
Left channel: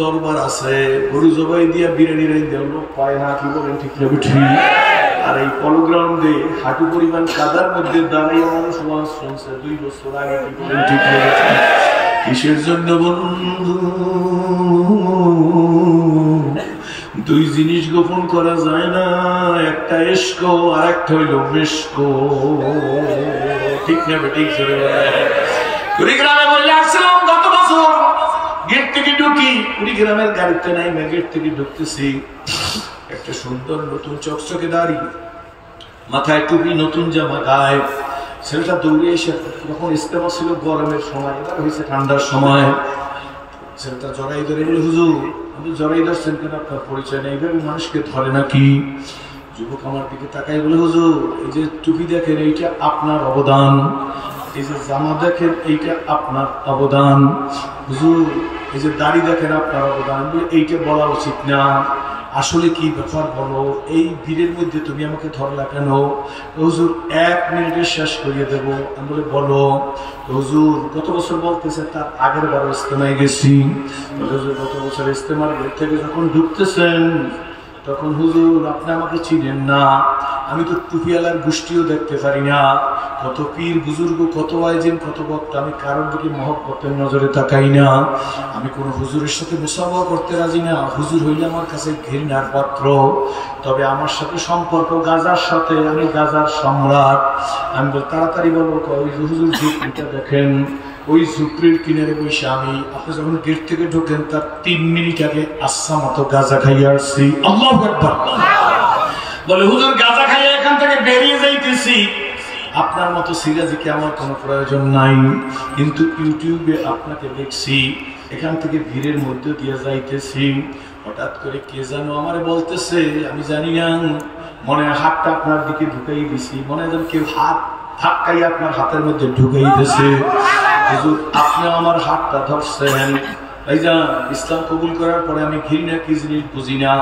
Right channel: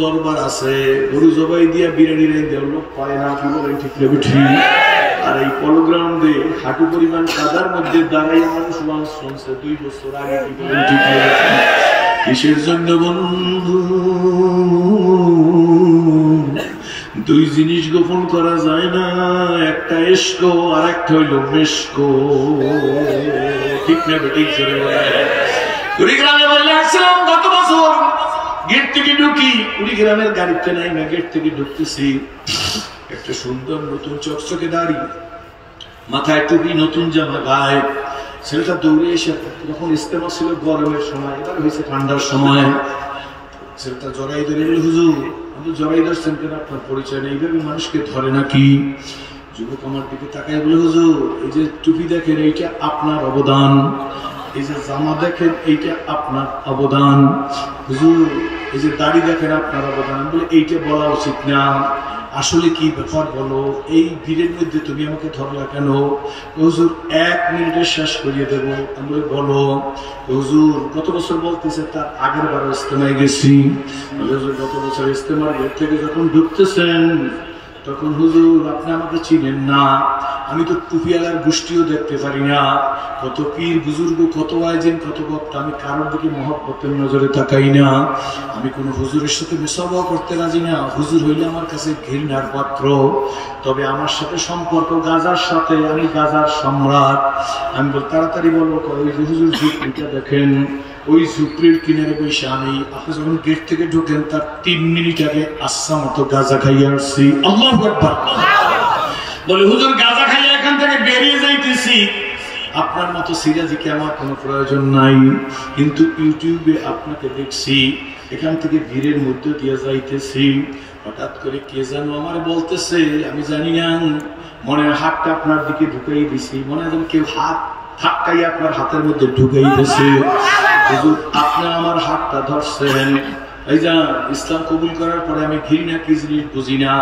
দরবার আছে, গরু জবাই দিয়া বিরিয়ানি রাই দেওয়া লোক পায় না, কি বলেন ঠিক না ঠিক? আর এই পলগ্রাউন্ডে হাঁটু পরিমাণ কাদার মধ্যে দাঁড়াইয়া মানুষ ওয়াজ শুনছে 2 বছর আগে, কি বলেন ঠিক না? কিসের জন্য বন্ধু? দুই জিনিস গোপন করা যায় না, একটা ইশক আর একটা হইল মেশক। ঠিক না ঠিক? কুড়িগ্রামে বললে আসছিলাম গত বছর, গেট থেকে ঢুকি, কুড়িগ্রামের গাড়িতে নাই, গেট থেকে ঢুকতেছি, একটা সুন্দর নতুন চকচকে দাড়ি, মাথায় টুপি, নতুন জামা গায়ে, ছেলেটা দৌড়ে এসে, তখন ইস্তেমা ছিল গরমের সময়, এটা হয়েছে ঠান্ডার সময়, ছেলেটা জড়াই ধরে বলে হুজুর, আমি জড়াই ধরছেন কেন, আপনার পরিচয় নেই, এইভাবে মানুষকে ধরে নাকি? যুবক আমার দিকে তাকাই বলে হুজুর, এই যে টুপি দেখেন এইটা আপনার অবদান, এই যে জামা দেখেন এইটা আপনার অবদান, হুজুর এই যে দাড়ি দেখেন আপনার অবদান, বলে এইটা বলা উচিত না, আসলে কি ব্যাপার বলো, এই ভিড়ের মধ্যে তুমি আমাকে ধরলা কেন? হুজুর 1 মিনিটে শেষ করিয়ে দেব। আমি বলে বলো। হুজুর গত বছর বলতেছে তার আগের বার ইজতেমায় গেছি, হুজুর গত বছর ইজতেমার গেট থেকে যখন ঢুকতেছেন তখন হুজুর আপনি আমাকে চিনেন না, আমি তো টুপিওয়ালার গোষ্ঠীও দেখতে পারি না, কত পীর বুজুর্গ, কত আয়োজন, কত বক্তা, আমি কারোর দিকে মহব্বতের নজরে তাকাই না, আমি কোন হুজুরের সাথে মুসাফা করতে রাজি না, হুজুর হইলে আমার কাছে ঘৃণার পাত্র, তবে আমার সাথে সম্পর্ক গাজার সাথে, আমি গাজার সম্রাট। আমি বল তাড়াতাড়ি বলো, ওই হুজুর ঝুপড়িটা দেখেন, ওই ঝুপড়ির কিনারে বসে আমি, আপনি যখন গেট থেকে ঢুকেন তার 3 মিনিট আগে আচ্ছা মতো গাঁজা খাইয়ে আসছি। আল্লাহু আকবার। বলে হুজুর গাঁজা খাইয়ে এখান থেকে বেরিয়ে যাইতেছি, আপনার মতো সিরাজিকে আমার কোনো প্রয়োজন নাই, কিন্তু ইউটিউবে আপনাকে দেখছি, এখান থেকে ভিড়ের মধ্যে দিয়ে যাইতেছি, হঠাৎ করে কে যেন আমারে বলতেছে, আমি জানি না, মনে হাতটা আপনার দিকে ঢুকাই দিছি, মনে যেন কেউ হাত ধাক্কাই আপনার হাতের মধ্যে ঢুকাই দিয়েছে, হুজুর আপনি আমার হাতটা ধরছেন। এই যা ইসলাম কবুল করার পরে আমি ঘৃণা কি জিনিস বুঝি না,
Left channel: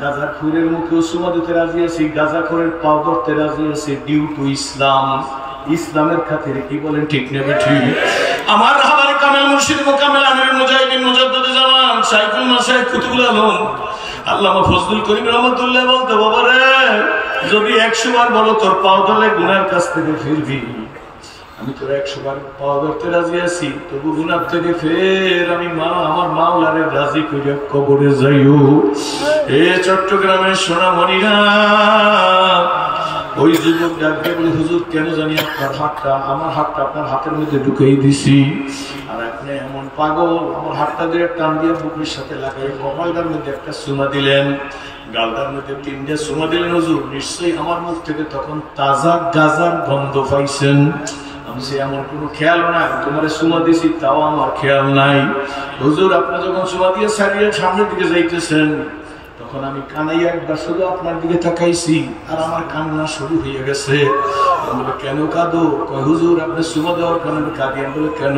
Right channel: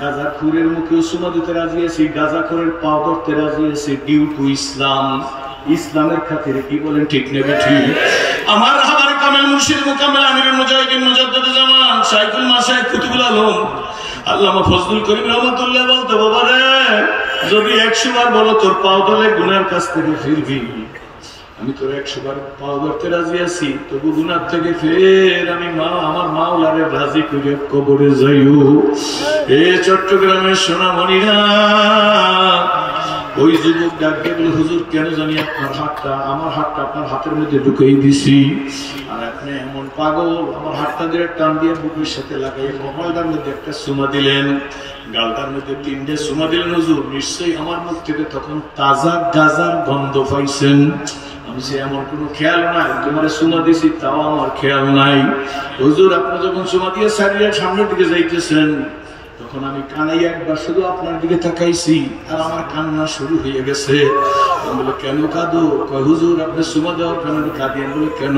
গাঁজা খুরের মুখেও সুমা দিতে রাজি আছি, গাঁজা খুরের পাও ধরতে রাজি আছি, ডিউ টু ইসলাম, ইসলামের খাতিরে, কি বলেন ঠিক নেবে ঠিক? আমার রাহবার কামেল মুর্শিদ মোকাম্মেল আমিরুল মুজাহিদিন মুজাদ্দিদুল জামান শাইখুল মাশায়েখ কুতুবুল আলম আল্লামা ফজলুল করিম রহমাতুল্লাহ বলতে, বাবা রে যদি 100 বার বলো তোর পাও ধরে গুনার কাছ থেকে ফিরবি, আমি তোর 100 বার পাও ধরতে রাজি আছি, তবু গুনার থেকে ফের আমি আমার মাওলারে রাজি করে কবরে যাইও। এ চট্টগ্রামের সোনামণিরা, ওই যুবক ডাকতে বলে হুজুর কেন জানি আপনার হাতটা, আমার হাতটা আপনার হাতের মধ্যে ঢুকিয়ে দিছি, আর আপনি এমন পাগল। আমার হাতটা দিয়ে টান দিয়ে বুকের সাথে লাগাই কপালটার মধ্যে একটা চুমা দিলেন, গালটার মধ্যে 3টে চুমা দিলেন। হুজুর নিশ্চয়ই আমার মুখ থেকে তখন তাজা গাজার গন্ধ পাইছেন। আমি সে এমন কোনো খেয়াল নাই, তোমার চুমা দিছি তাও আমার খেয়াল নাই। হুজুর আপনি যখন চুমা দিয়ে সারিয়ে সামনের দিকে যাইতেছেন তখন আমি কানাই একবার শুধু আপনার দিকে তাকাইছি আর আমার কান্না শুরু হয়ে গেছে। বলে কেন কাঁদো? হুজুর আপনি চুমা দেওয়ার কারণে কাঁদি। আমি বলে কেন?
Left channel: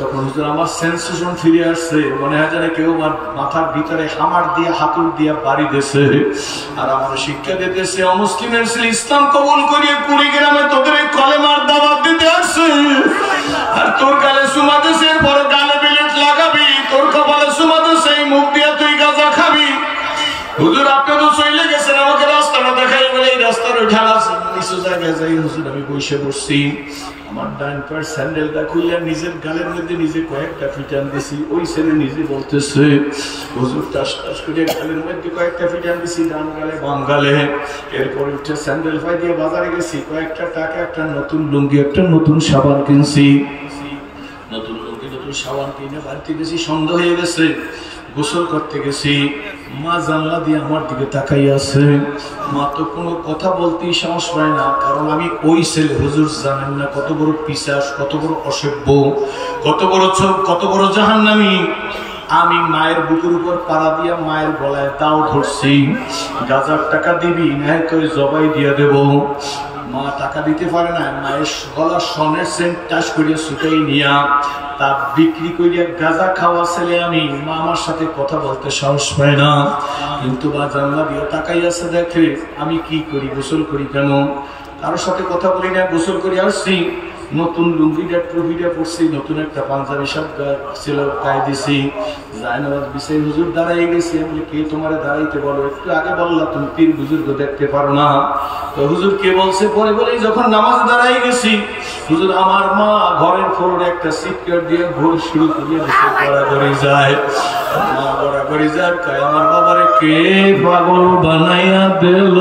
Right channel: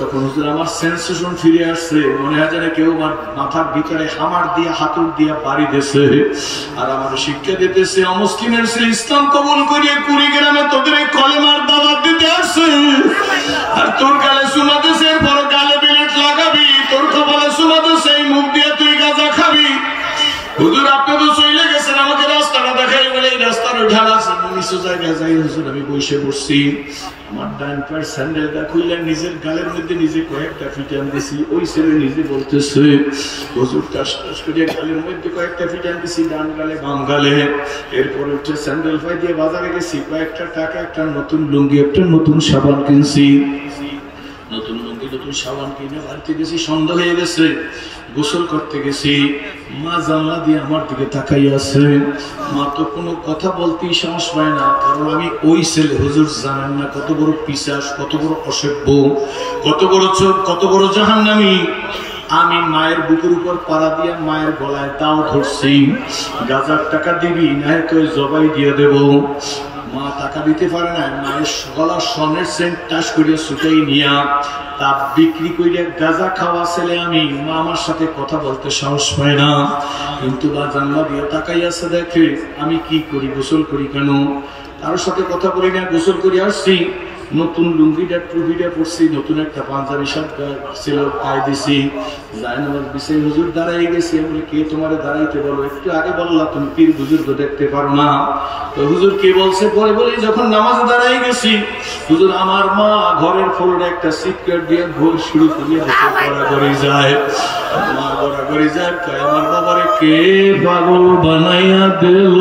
তখন হুজুর আমার সেন্সেশন ফিরে আসছে, মনে হয় যেন কেউ আমার মাথার ভিতরে হামার দিয়ে হাতুর দিয়ে বাড়ি দিয়েছে আর আমার শিক্ষা দিতেছে অমুসলিমের ছেলে ইসলাম কবুল করিয়ে কুড়িগ্রামে তোদের এই কলেমার দাওয়াত দিতে আসছে আর তোর গালে চুমা দিয়েছে, এরপরে গালে বিলেট লাগাবি, তোর কপালে চুমা দিয়েছে, এই মুখ দিয়ে তুই গাঁজা খাবি। হুজুর আপনি তো চলে গেছেন, আমাকে রাস্তাটা দেখাই বলে এই রাস্তার ঢালা নিচু জায়গায় যাই। হুজুর আমি বসে পড়ছি, আমার ডান পায়ের স্যান্ডেলটা খুললে নিজের গালের মধ্যে নিজে কয়েকটা ফিটান দিছি। ওই ছেলে নিজে বলতেছে হুজুর টাস টাস করে গালের মধ্যে কয়েকটা ফিটান দিছি, ডান গালে বাম গালে। এরপরে উঠে স্যান্ডেল পাই দিয়ে বাজারে গেছি, কয়েকটা টাকা, একটা নতুন লুঙ্গি, একটা নতুন সাবান কিনছি। নতুন লুঙ্গি নতুন সাবান কিনে বাড়িতে গেছি, সন্ধ্যা হয়ে গেছে, গোসল করতে গেছি। মা জানলা দিয়ে আমার দিকে তাকাই আছে। মা তো কোনো কথা বলতেই সাহস পায় না, কারণ আমি ওই ছেলে। হুজুর জানেন না কত বড় পিশাচ, কত বড় অসভ্য, কত বড় চোখ, কত বড় জাহান্নামী। আমি মায়ের বুকের উপর পাড়া দিয়া মায়ের গলায় দাও ধরছি, গাজার টাকা দিবি না তো জবাই দিয়ে দেব। মা টাকা দিতে পারে না, মায়ের গলার সনের সেন্ট টাস করে ছুটাই নিয়া তা বিক্রি করিয়া গাঁজা খাওয়া ছেলে আমি। মা আমার সাথে কথা বলতে সাহস পায় না, কিন্তু মা জানলা দিয়ে তাকাই আছে, দেখে আমি কি করি, গোসল করি কেন, কারোর সাথে কথা বলি না, গোসল করে আসছি। নতুন লুঙ্গিটা ট্রুফিটা পড়ছি, নতুন একটা পাঞ্জাবি শার্ট ছিল গায়ে দিছি, জায়নামাজ বিছে হুজুর দাঁড়াই গেছি। আমি কে তোমারে দাঁড়াইতে বলো? একটু আগে বললা তুমি পীর বুজুর্গ দেখতে পারো না। তো হুজুর কে বলছে? পরে বলেই যখন নামাজে দাঁড়াই গেছি, হুজুর আমার মা ঘরের ফ্লোরে একটা সিটকাট দিয়ে ভোর শুরু করিয়ে গড়াগড়ি যায়। মা গড়াগড়ি যায়, আমার বাবারে কে পাগল বানাইয়া দিল?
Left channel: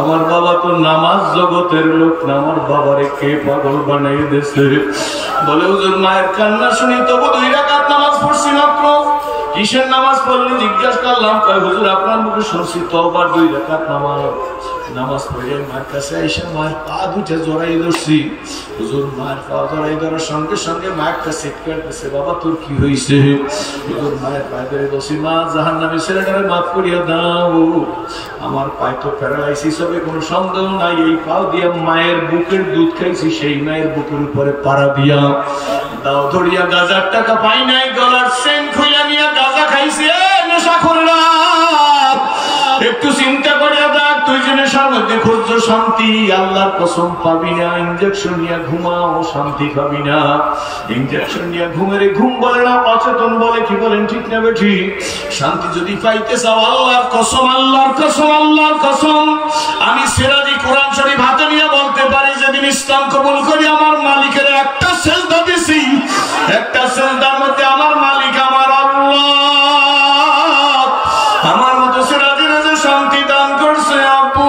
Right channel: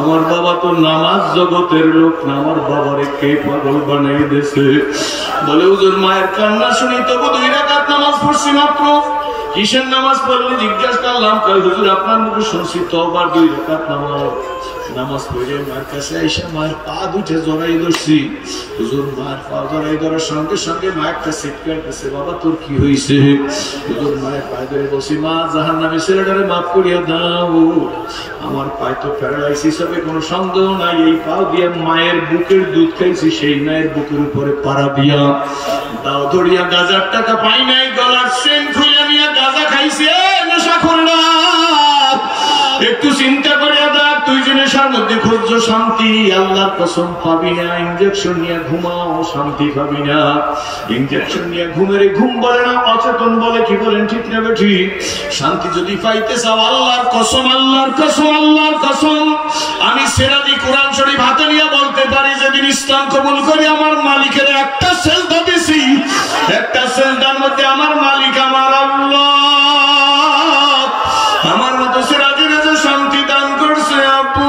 আমার বাবা তো নামাজ জগতের লোক না, আমার বাবারে কে পাগল বানাই দিয়েছে? বলে হুজুর মায়ের কান্না শুনি তবু 2 রাকাত নামাজ পড়ছি মাত্র। কিসের নামাজ পড়লে জিজ্ঞাসা করলাম, কয় হুজুর আপনার মুখে শুনছি তওবার 2 রাকাত নামাজ পড়ে মায়ের কাছে এসে মায়ের পা দুটে জড়াই ধরছি। হুজুর মায়ের পা জড়াই ধরার সঙ্গে সঙ্গে মা একটা চিৎকার দিচ্ছে, বাবা তোর কি হয়েছে? হুজুর মায়ের পায়ে ধরে বসি, মা জাহান্নামী ছেলেটারে মাফ করিয়া দাও, আমার পায়ে তো প্যারালাইসিস হবে কোনো সন্দেহ নাই। এই পাও দিয়ে মায়ের বুকের দুধ খেয়েছি, সেই মায়ের বুকের উপরে পাড়া দিয়া দাও ধরিয়া গাজার টাকা পাই নাই, গলার চেন খুলে নিয়ে গাজা খাইছে। নেশা করলা একটু চিন্তা করিয়া দেখ, তুই যে নেশার মধ্যে খুঁজছো শান্তি, আল্লাহর কসম পাবি না। ইঞ্জেকশন নিয়ে ঘুমাও, শান্তি পাবি না। ইঞ্জেকশন নিয়ে ঘুমেরে ঘুম বলে না, অচেতন বলে, কি বলেন ঠিক না বেঠিক? শান্তি যদি পাইতে চাও, আল্লাহর কসম, আল্লাহর কসম, আল্লাহর কসম, আমি সিরাজি কোরআন শরীফ হাতে নিয়ে বলতে পারি, যেদিন ইসলাম কবুল করি আমার মালিকের একটা সেজদা দিছি, একটা সেজদার মধ্যে আমার মালিক আমার আল্লাহ আমার মতো সিরাজির যে শান্তি দান করছে। আপু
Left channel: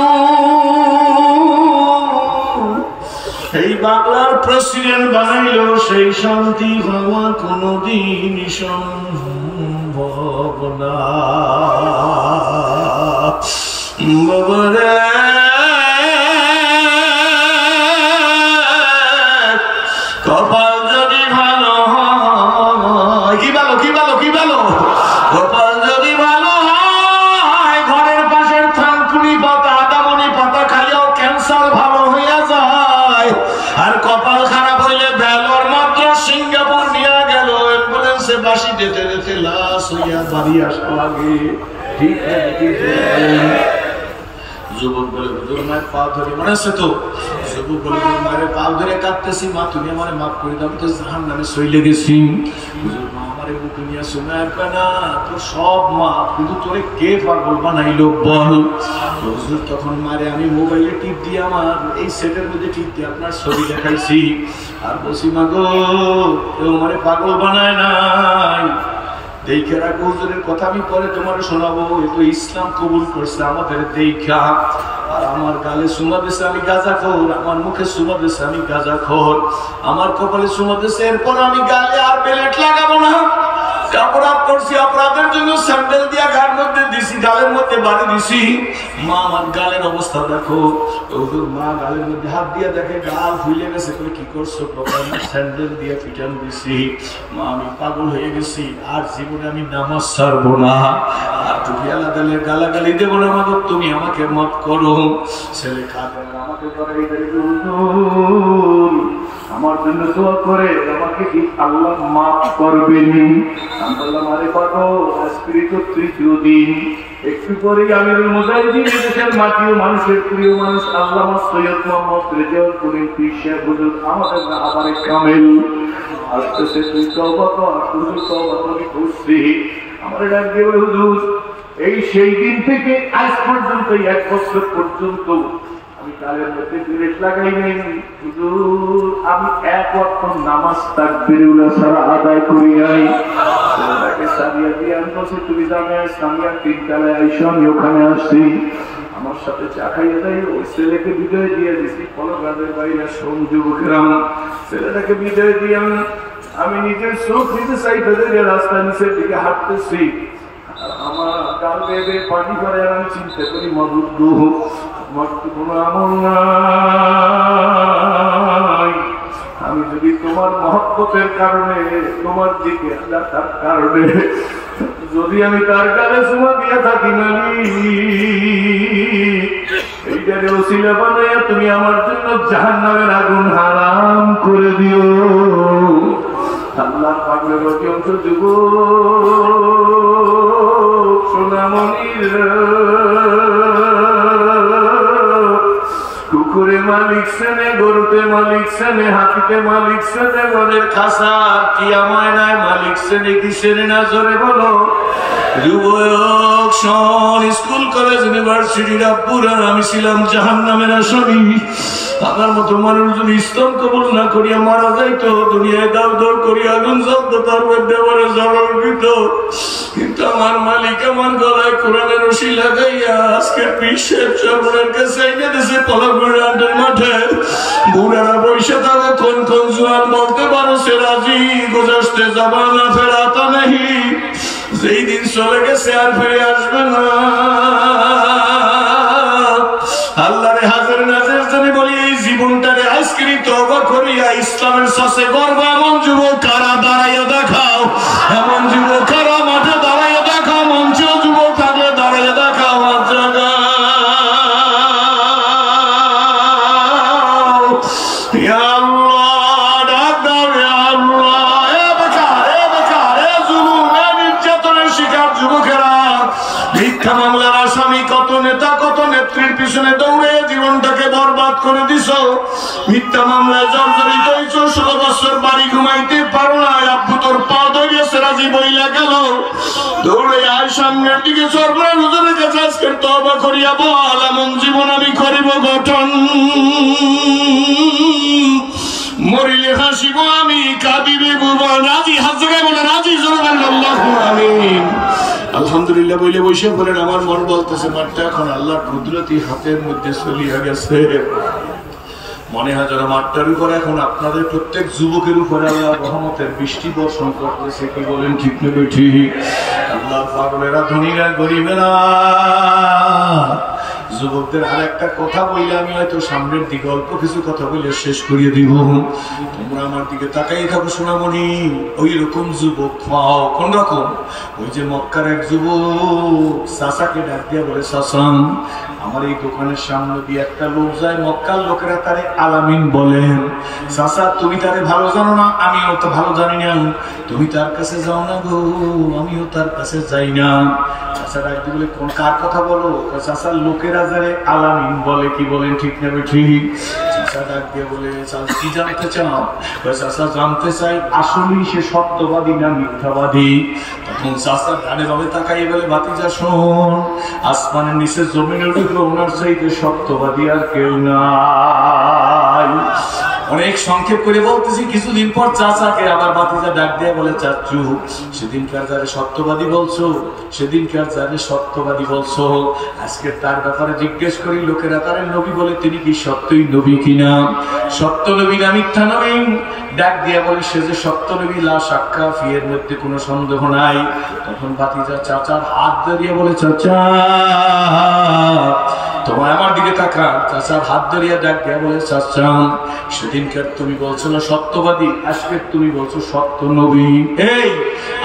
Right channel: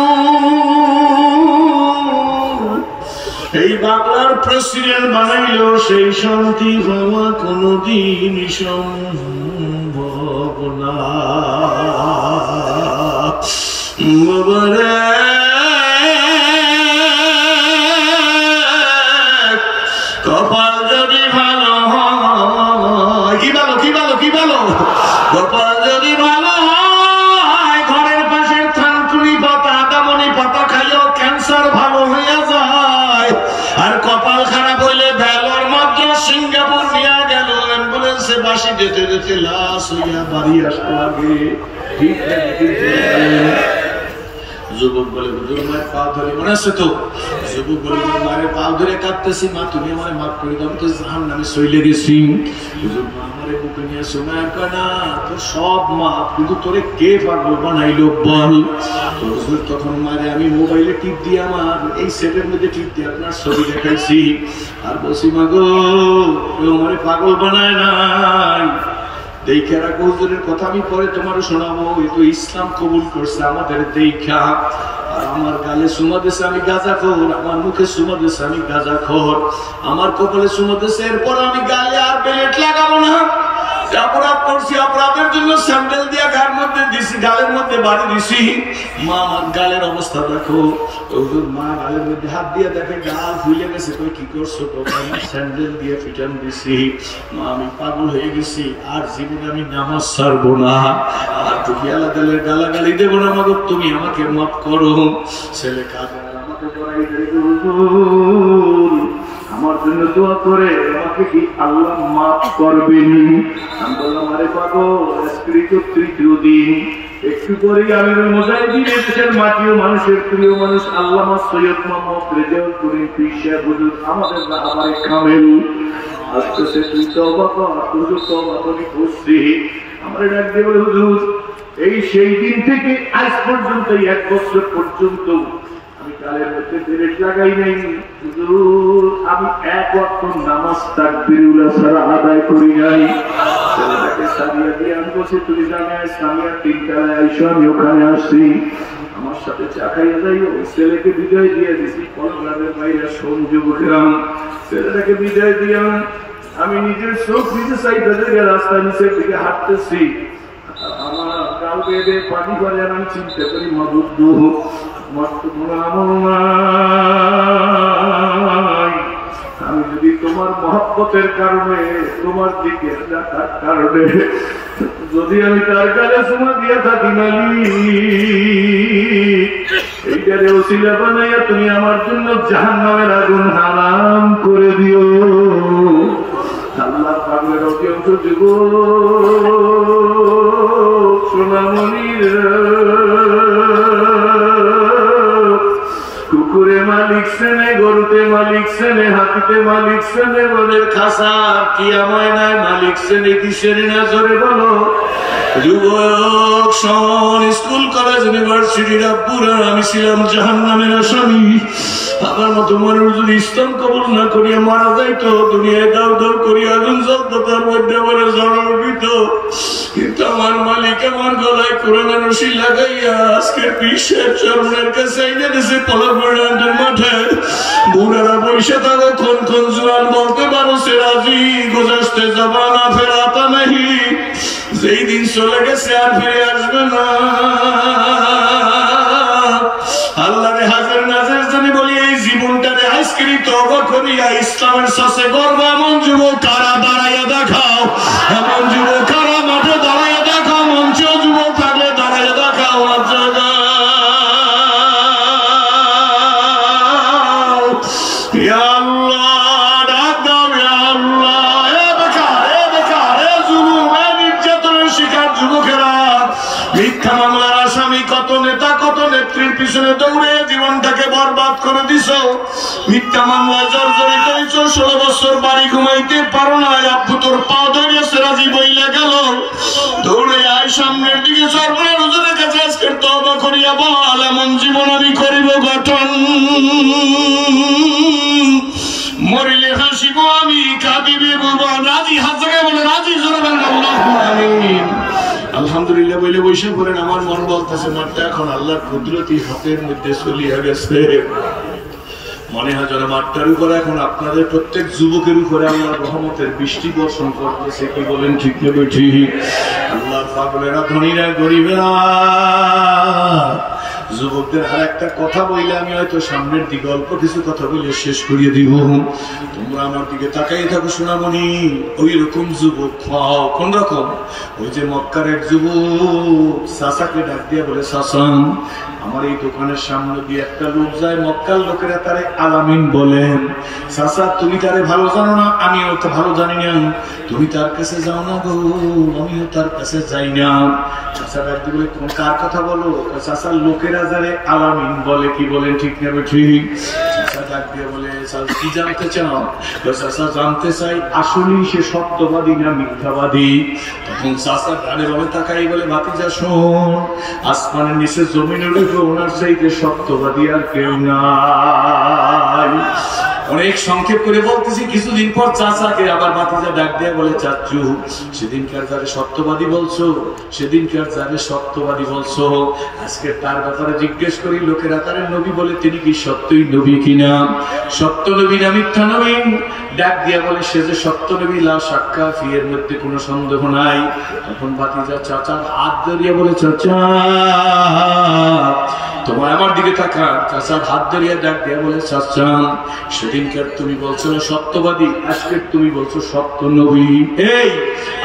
এই বাংলার প্রেসিডেন্ট বানাইলেও সেই শান্তি পাওয়া কোনদিন সম্ভব না। বাবারে কপাল যদি ভালো হয়, কি ভালো, কি ভালো, কি ভালো, কপাল যদি ভালো হয়, ঘরের পাশের থানকুনি পাতা, আদামনি পাতা খাইয়াও ক্যান্সার ভালো হইয়া যায়। আর কপাল খারাপ হইলে ভেলোর মাত্র সিঙ্গাপুর নিয়ে গেল, অ্যাম্বুলেন্সে বাসি যেতে যেতে লাশ হইয়া বাড়ি আসো আগে। ঠিক আছে যুবক বলে, হুজুর মায়ের পা ধরে, মনে আছে তো? যুবক বলে, মায়ের পা ধরে কাঁদতেছি, মা তুমি আমার মাফ করে দাও, আমি তো জাহান্নামে চলে গেছি। হুজুর মা আমারে বুকে নিয়ে আসো, মায়ের কানা তোর সব মাফ, কিন্তু তোরে কে পাগল বানাইলো বল? হুজুর তখন মারে আমি মোবাইলে টিপ দিয়ে, আমার এই সেটের মধ্যে টিপ দিয়ে আপনার ছবি দেখাইছি আর বসি, মা গো আমারে পাগল বানায় নাই, দেখে রাখো হুজুরের কথা আমি পরে তোমার শোনাবো। এ তো ইসলাম কবুল করছে আমাদের দেখা। আর আমার গালে সুমা দিছে আমি গাঁজাখোর, আমার মুখে সুমা দিছে আমি গাঁজাখোর, আমার কপালে সুমা দিছে, এরপর আমি গালে আর বেলেট লাগাবো না। অপরাধ করছি, অপরাধের জন্য স্যান্ডেল দিয়া গায়ের মধ্যে দিছি, গালের মধ্যে বাড়ি দিছি। মা আমার গালের অবস্থা দেখো। মা গালের মধ্যে হাত দিয়ে দেখে গাল ফুলে গেছে। কি করছো? স্যান্ডেল দিয়ে পিটান দিছি। মা আমি পাগল হয়ে গেছি, আর জীবনে আমি নামাজ ছাড়বো না, আর তুমি আল্লাহ দিলের গালাগালি দেবো না। মাগো তুমি আমাকে মাফ করো। ছেলে কাঁদে, আমাকে জড়াই আমার জন্য দোয়া করে, আমাকে কি আল্লাহ মাফ করবেনি? আমি বললাম আরে পাগল, আজকে তো তৃতীয় দিন। একটু পরে আমিরুল মুজাহিদিন দেশের মাটি ও মানুষের প্রিয় মানুষ আল্লামা সৈয়দ মোহাম্মদ রেজাউল করিম পীর সাহেব হুজুর আমাদের রাহবারে কামেল আসতেছে, তুই তওবা কর, হুজুর তওবা করে খুশি। আমার ডাক দিয়ে বলে হুজুর এই সেই দিন থেকে আজ পর্যন্ত 1 বছর পর্যন্ত গালের মধ্যে বেরেট লাগাই নাই হুজুর, আমি 1 ওয়াক্ত নামাজ তাকবীরুল্লাহ ছাড়া আদায় করি নাই। ছেলেটাকে সারিয়া দিয়ে আনতেছি, তুমি জানে সারিয়া 3 কালে আইসো, আমি ওখানে আসছি, আমার সাথে চা খাইয়া যাই। ওই ছেলেকে বিজয় দিয়ে দিছি কলকাতার বাইরে সংযোগগ্রাম। ছেলেটাকে বিজয় দিয়ে আমি নিজের চোখ নিজে সাইডে থেকে রাস্তা নিচের দিকে হাঁটতেছি, আমার গাল বেঁধে পানি করে, আমি চিন্তা করি মাবুদ আমার তো কোনো আমল নাই, আমি যদি তোমার মহব্বতের কারণে, তোমার দিকে রাখার কারণে যদি আমি তার গালে চুমা দিয়ে থাকি মালিক, এইটারে ওসিলা বানাইয়া তুমি আমার জন্য জাহান্নামের আগুন হারাম করে দিও। আল্লাহ পাগলের অধিকাংশ যুবক সোনামণির কুকুরে মালিক সেনে, গরুতে মালিক সেনে, হাতিতে মালিক সেনে, ঘরের খাসা কিয়া ময়নায় মালিক সেনে, কি সেনে না জোরে বলো। যুবক শোন, স্কুল কলেজ ইউনিভার্সিটি রাব্বুরার আমি ছিলাম জাহান্নামের আসামি। আমার মতো মানুষ যদি ইসলাম কবুল না করিয়া মারা যাইতো, দুনিয়ায় দাউ দাউ করিয়া আগুন জ্বলতে পারবে দেবরে জড়িত, কিন্তু আমার মালিক আমার গলায় কোরআনের রশি লাগাইয়া আজকে বিশ্বের চরমের কাছে এনে দিয়েছে পলাপুরের মাঠে। বুড়ারা বৈশা থাকো, কোন কোন জোয়ান বলতে পারো সে রাজি, গুজরতে জামানা ফেরাতা নেই, যেই দিন চলে গেছে আর ফিরে আসবে না। আল্লাহরে হাজার নাজার জানি বলি, এই জীবনটারে আজকে তওবা করিয়া ইসলামের সাথে গর্ব এমন যুবক কারা দাঁড়াইয়া দেখাও, এমন যুবক কারা মাঠে দাঁড়াইয়া দেখাও, মঞ্চ যুবক থাকলে দাঁড়াইয়া দেখাও। মিথ্যা মামলার আসামি কত নেতা কত নেত্রীর পিছনে দৌড়ে জীবনটাকে বরবাদ করে দিছ। মিথ্যা মামলায় জর্জরিত হয়েছ, 16 বছর বাড়ি ঘুমাইতে পারো না, আব্বু তোর পা ধরিয়ে সেরাজি বইলা গেল, দৌড়ে আয় সামনের দিকে সরকার হুজুরের কাছে আজকের তওবা করিয়া বল, এমন জীবন আমি করিব গঠন, মরিলে হাসিব আমি, কাঁদিবে ভুবন। রাজি হাত জায়গায় বলে রাজি, জোরে আল্লাহু আমিন। আলহামদুলিল্লাহ বলে বসে পড়েন। আমার মন বলতেছে মাঠটা এখন আল্লাহর কুদরতি হাতের মধ্যে চলিয়া গেছে। মনে হয় যেন মাঠটার উপরে এখন আপনাদের প্রত্যেক যুবকের উপরে আল্লাহর রহমতের বৃষ্টি বর্ষণ করতেছে। কি বলেন, ঠিক নেবে ঠিক? আল্লাহর পাগলেরা ধনীরা গরিবেরা। যুবকদের আর একটা কথা বললে আমি হয়তো সামনের দিকে অল্প কিছু কথা বলে শেষ করিয়ে দিব। তোমরা আমার দিকে তাকাই থাকো সোনামণি, ওই রকম যুবক পাও। কোন রকম? ওই যে মক্কার এক যুবক চাচাকে ডাক দিয়ে বলে, চাচা আমার এই দোকানের সামনে দিয়ে একটা লোক যায়, মক্কার লোকেরা তারে আলামিন বলেন। চাচা তুমি তারে ভালো জানো না? আমিও তো ভালো জানি না। তুমি তার কাছে যাও না গো, আমিও তার কাছে যাই না। চাচা ডাক দিয়ে বলে, কোন কার কথা বলো? চাচার লোকেরা যারে আলামিন বলে। কি বলেন, ঠিক না ঠিক? চাচা ডাক দিয়ে বলে, কি জানতে চাও? চাচা জানতে চাই আসলেই সে সত্যবাদী না মিথ্যাবাদী। তখন চাচা ডানে বামে তাকাই বলে, ভাতিজা শোন, আসমানের নিচে জমিনের উপরে ওনার চাইতে সত্যবাদী আর কেউ নাই। অনেক সংক্ষেপ করে বলতেছি। কিছুদিন পর চাচাকে আবার ভাতিজা ডাক দিয়ে বলে, চাচু সেদিনকার যারে সত্যবাদী বলছো, সেদিনকার যারে সত্যবাদী বলছো, আজকে তার ব্যাপারে জিজ্ঞেস করি, লোকেরা তারে নবী বলে, তিনি কি সত্যই নবী কিনা, সত্য নবী না মিথ্যা নবী? ডাক দিয়া বলে, সে যে সত্য নবী, লা শাক্কা ফি, এর মধ্যে কোনো সন্দেহ নাই। তখন ভাতিজা চাচার হাত ধরিয়ে বলে, চাচা তোমার আমার দিকে তাকান। চাচার হাত ধরিয়া ডাক দিয়া বলে, চাচা সেদিনকার তুমি বলছো না সত্যবাদী, আজকে তুমি বলছো সত্য নবী। এই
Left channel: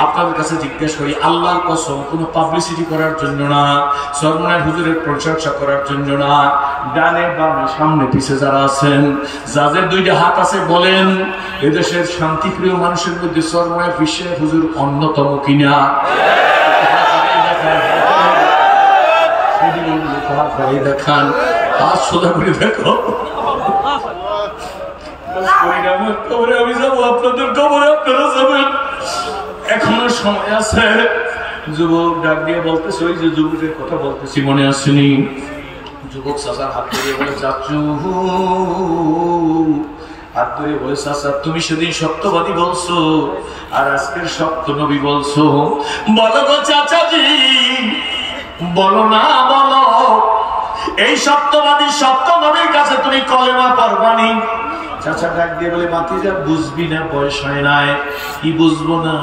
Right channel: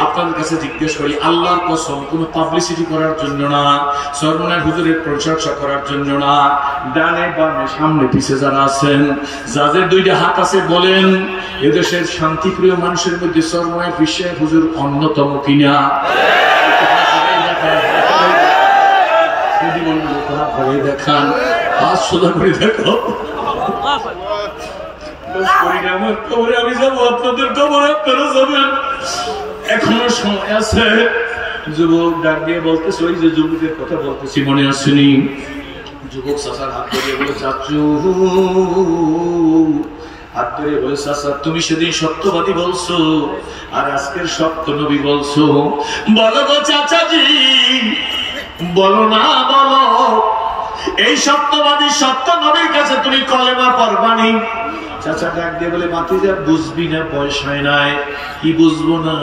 আপনাদের কাছে জিজ্ঞেস করি, আল্লাহর কসম, কোনো পাবলিসিটি করার জন্য না, সরমনার হুজুরের প্রশংসা করার জন্য না, ডানে বামে সামনে পিছে যারা আছেন, যাদের দুইটা হাত আছে, বলেন এদেশের শান্তিপ্রিয় মানুষের মধ্যে সরমনার বিশ্বের হুজুর অন্যতম কিনা? দেখান, হাত সোজা করে দেখো। আমি যাবো আপনাদের খবরে, আপনারা যাবেন, এখনো সময় আছে। যুবক ডাক দিয়ে বলতেছে, ওই যে যুবকের কথা বলতেছি মনে আসেনি? যুবক চাচার হাত ধরিয়ে বলে, চাচু হাত ধরে বলে, চাচা তুমি সেদিন সত্যবাদী বলছো আর আজকের সত্য নবী বলছো, বলো গো চাচাজি, বলো না বলো, এই সত্যবাদী সত্য নবীর কাছে তুমি কলেমা পড়বানি? চাচা ডাক দিয়ে বলে, ভাতিজা বুঝবি না, পয়সায় নাই। কি বুঝবো না?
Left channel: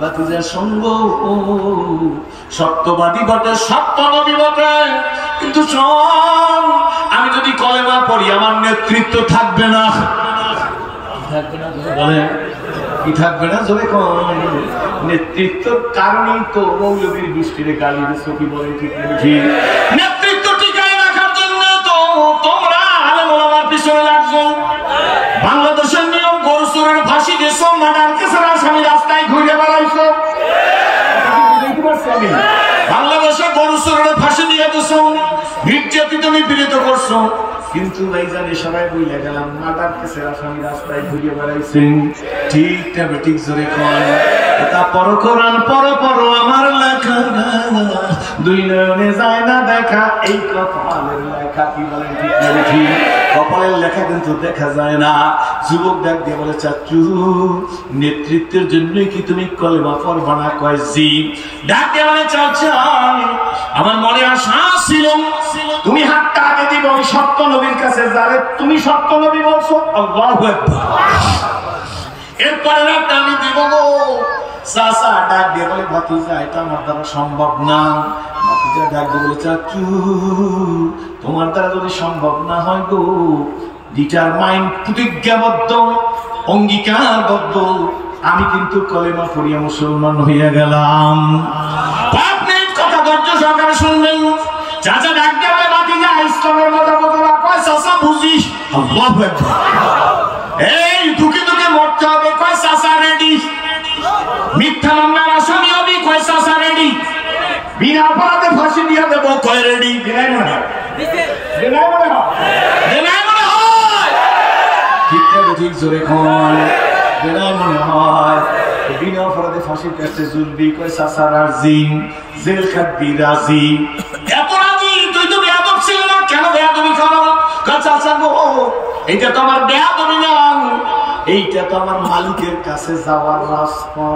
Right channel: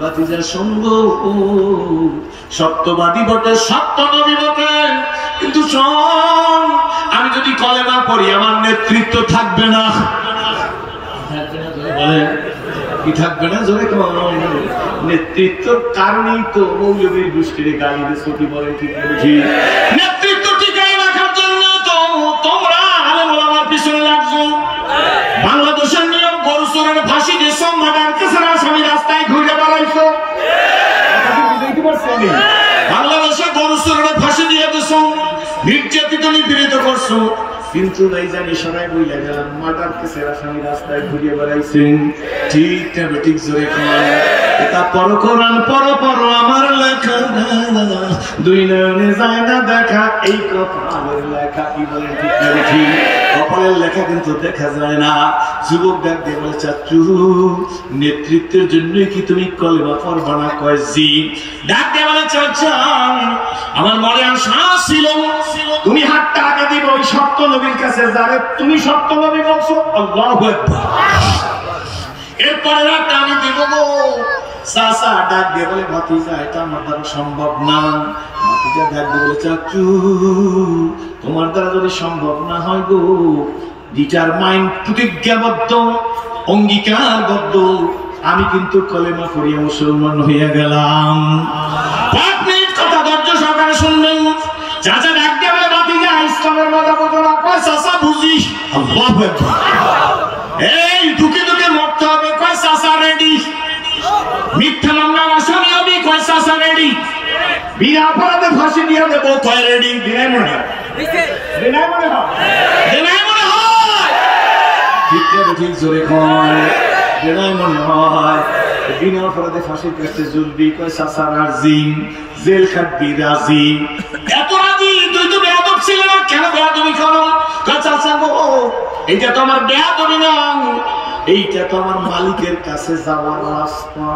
ভাতিজার সঙ্গ সত্যবাদী বটে, সত্য নবী বটে, কিন্তু শোন, আমি যদি কলেমা পড়ি আমার নেতৃত্ব থাকবে না। থাকবে না বলে, কি থাকবে না? জোরে কোন নেতৃত্বের কারণেই তো মৌলবীর দৃষ্টিতে গালি দিচ্ছ, কি বলেন? ঠিক বুঝি নেতৃত্ব টিকাই রাখার জন্য তো তোমরা আলেম ওলামার পিছনে লাগছো। বাংলাদেশের নিয়ম, গরু চোরের ফাঁসি দিয়েছ, মার্ডার কেসের আসামি রাস্তায় ঘুরে বেড়াইছো। বাংলাদেশে গরু চোরের ফাঁসি দিয়ে দিয়েছ, নির্যাতিত নিপীড়িত করছো, কিন্তু ভাইজান ইশারায় বইলে গেলাম, মার্ডার কেসের আসামি রাস্তায় ঘুরিয়ে বেড়াইছেন। ঠিক না বেঠিক? জোরে কোন। এটা পর কোরআন, পর আমার লেখা, দুই নয়নে যায় না দেখা, এই কপালের লেখা। কি বলেন? ঠিক না বেঠিক? কপালের লেখা কিন্তু দেখা যায় না। যুবক ডাক দিয়ে বলে, চাচু নেতৃত্বের জন্য কি তুমি কলেমা পড়বা না? কয় জি। ডাক দিয়ে বলে, চাচা আমার মনে আশা ছিল তুমি হাতটা আগে দিব ওই সত্য নবীর কাছে, যারে তুমি সত্য নবী বলছো। আল্লাহু আকবার। এরপরে রাতটা আমি দিব গো। চাচা ডাক দিয়ে বলে, ভাতিজা এটা আমার দ্বারা সম্ভব না। ভাতিজা ডাক দিয়ে বলে, চাচু তোমার দ্বারা যদি সম্ভব না হয় গো, ডিটারমাইন্ড, প্রতিজ্ঞাবদ্ধ, অঙ্গীকারবদ্ধ, আমি কিন্তু কলেমা পড়িয়া মুসলমান হইয়া গেলাম। 5 মিনিট কথা ধৈর্য সহকারে শুনবেন। চাচা ডাক দিয়ে বলে, ভাতিজা ইসলামের মজা বুঝো না? কয় চাচা বুঝি। আল্লাহু আকবার। এই দুঃখে দুঃখে মরতে হবে? কয় চাচা রেডি। মিথ্যা মামলার আসামি হবি? কয় চাচা রেডি। বিনা অপরাধে ফাঁসি দিয়ে দেবো? কয় রেডি। দিনাই মনে হয়, দিনাই মনে হয়, দিনাই মনে হয়। ঠিক আছে, ঠিক জোরে কোন। দিনাই মনে হয়। বিনা অপরাধে ফাঁসির কাছে ঝুলবি? কয় চাচা রাজি। জেল খাটবি? রাজি। এত রাজি? তুই তো বেয়াদব ছিল না, কেন বেয়াদবি করো? কয় চাচা গো, এইটা তো আমার বেয়াদবি না, এইটা তো আমার মালিকের কাছে যাওয়ার রাস্তা।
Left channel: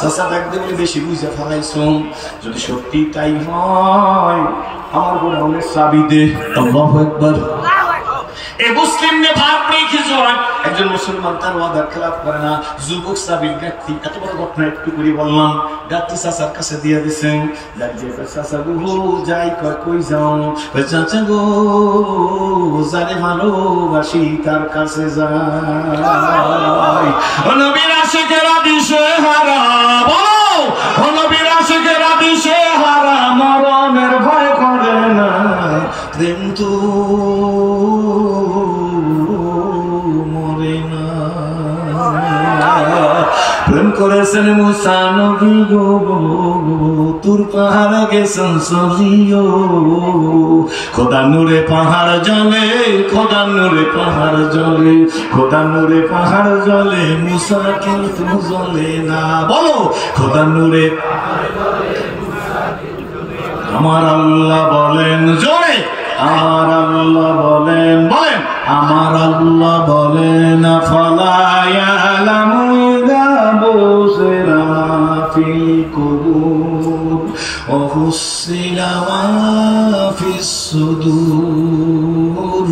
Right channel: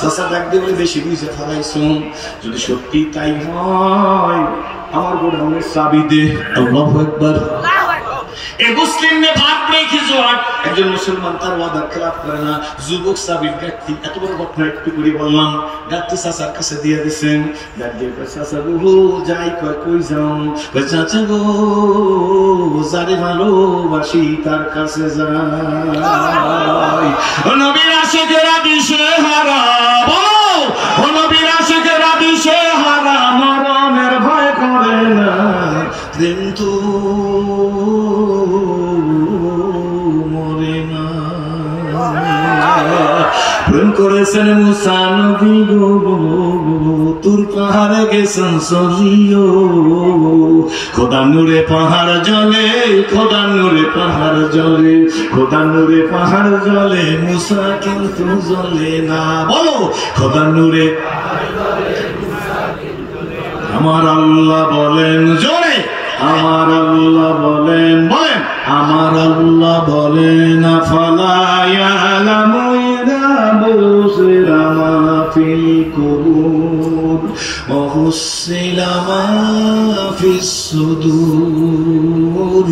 চাচা ডাক দিয়ে বেশি বুঝে ফেলাইছো, যদি সত্যি তাই হয় আমার গোডাউনের চাবি দে। আল্লাহু আকবার। এই মুসলিম নে ভাগ নেই কিছু হয়, একজন মুসলমান তার ওয়াদার খেলাফ করে না। যুবক সাবির ব্যক্তি, এত বড় ঘটনা একটু করে বললাম, ডাক্তার চাচার কাছে দিয়ে দিচ্ছেন। চাচা গো যাই কই যাও? চাচা গো যারে ভালোবাসি তার কাছে যাই। ও নবীর আশিকেরা দিশে হারা, ও নবীর আশিকেরা দিশে হারা, মরণের ভয় করে না, কিন্তু মরে না। প্রেম করেছেন মুসা নবী গো, তুর পাহাড়ে গেছেন চলিও, খোদা নূরে পাহাড় জলে, খোদা নূরে পাহাড় জলে, খোদা নূরে পাহাড় জলে, মুসা কিন্তু জলে না। বলো, খোদা নূরে আমার আল্লাহ বলেন জোরে, আমার আল্লাহ বলেন বলেন আমার আল্লাহ বলেন আফালা ইয়ালামু ইযা বুশিরা মা ফিল কুবুর ওয়া হুসিলা মা ফিস সুদুর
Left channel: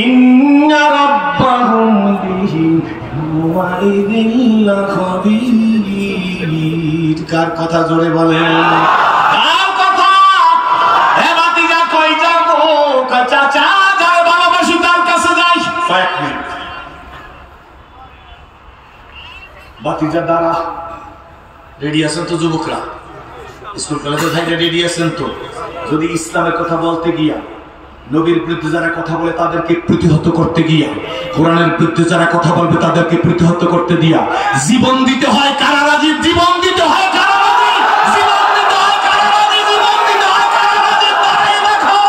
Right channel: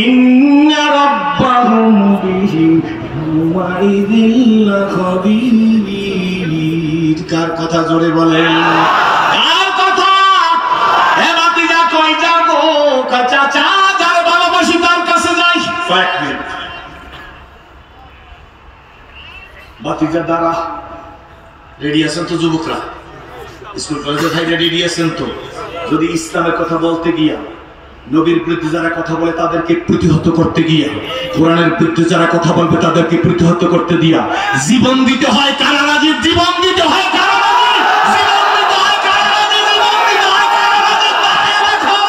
ইন্না রাব্বাহুম বিহিম ইয়াওমাইযিন লাখাবীর। কার কথা জোরে বলেন? কার কথা? এ বাতিজা কই যাবো? চাচা যার ভালোবাসি তার কাছে যাই। কয়েক মিনিট বাতিজা দ্বারা রেডি আছেন তো? যুবকরা স্কুল কলেজে ভাই রেডি আছেন তো? যদি ইসলামের কথা বলতে গিয়া, নবীর বিরুদ্ধে যারা কথা বলে তাদেরকে প্রতিহত করতে গিয়া, কোরআনের বিরুদ্ধে যারা কথা বলবে তাদেরকে প্রতিহত করতে দিয়া জীবন দিতে হয় কারা রাজি? জীবন দিতে হয় কারা রাজি? জীবন দিতে হয় কারা রাজি? জীবন দিতে হয় কারা রাজি? দাঁড়িয়ে রাখো,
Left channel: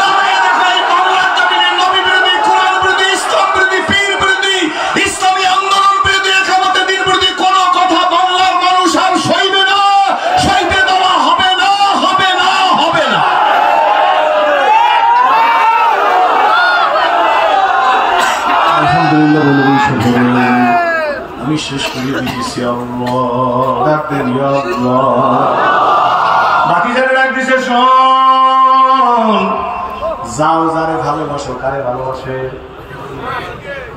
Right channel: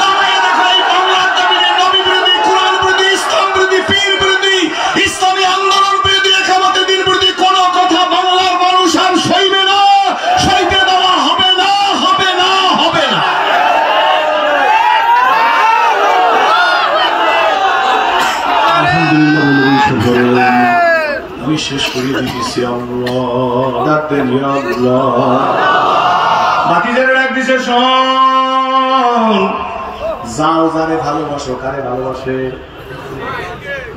দাঁড়িয়ে রাখো। এই বাংলার জমিনে নবী বিরোধী, কোরআন বিরোধী, ইসলাম বিরোধী, পীর বিরোধী, ইসলামী আন্দোলন বিরোধী, একামতের দিন বিরোধী কোন কথা বাংলার মানুষ আর সইবে না, সইতে দেওয়া হবে না, হবে না, হবে না। আমি শেষ করে দিতেছি। ডাক দেন বাতিজারে ডাক দিছে, শোন, যাও যারে ভালোবাসো। কারে ভালোবাসে?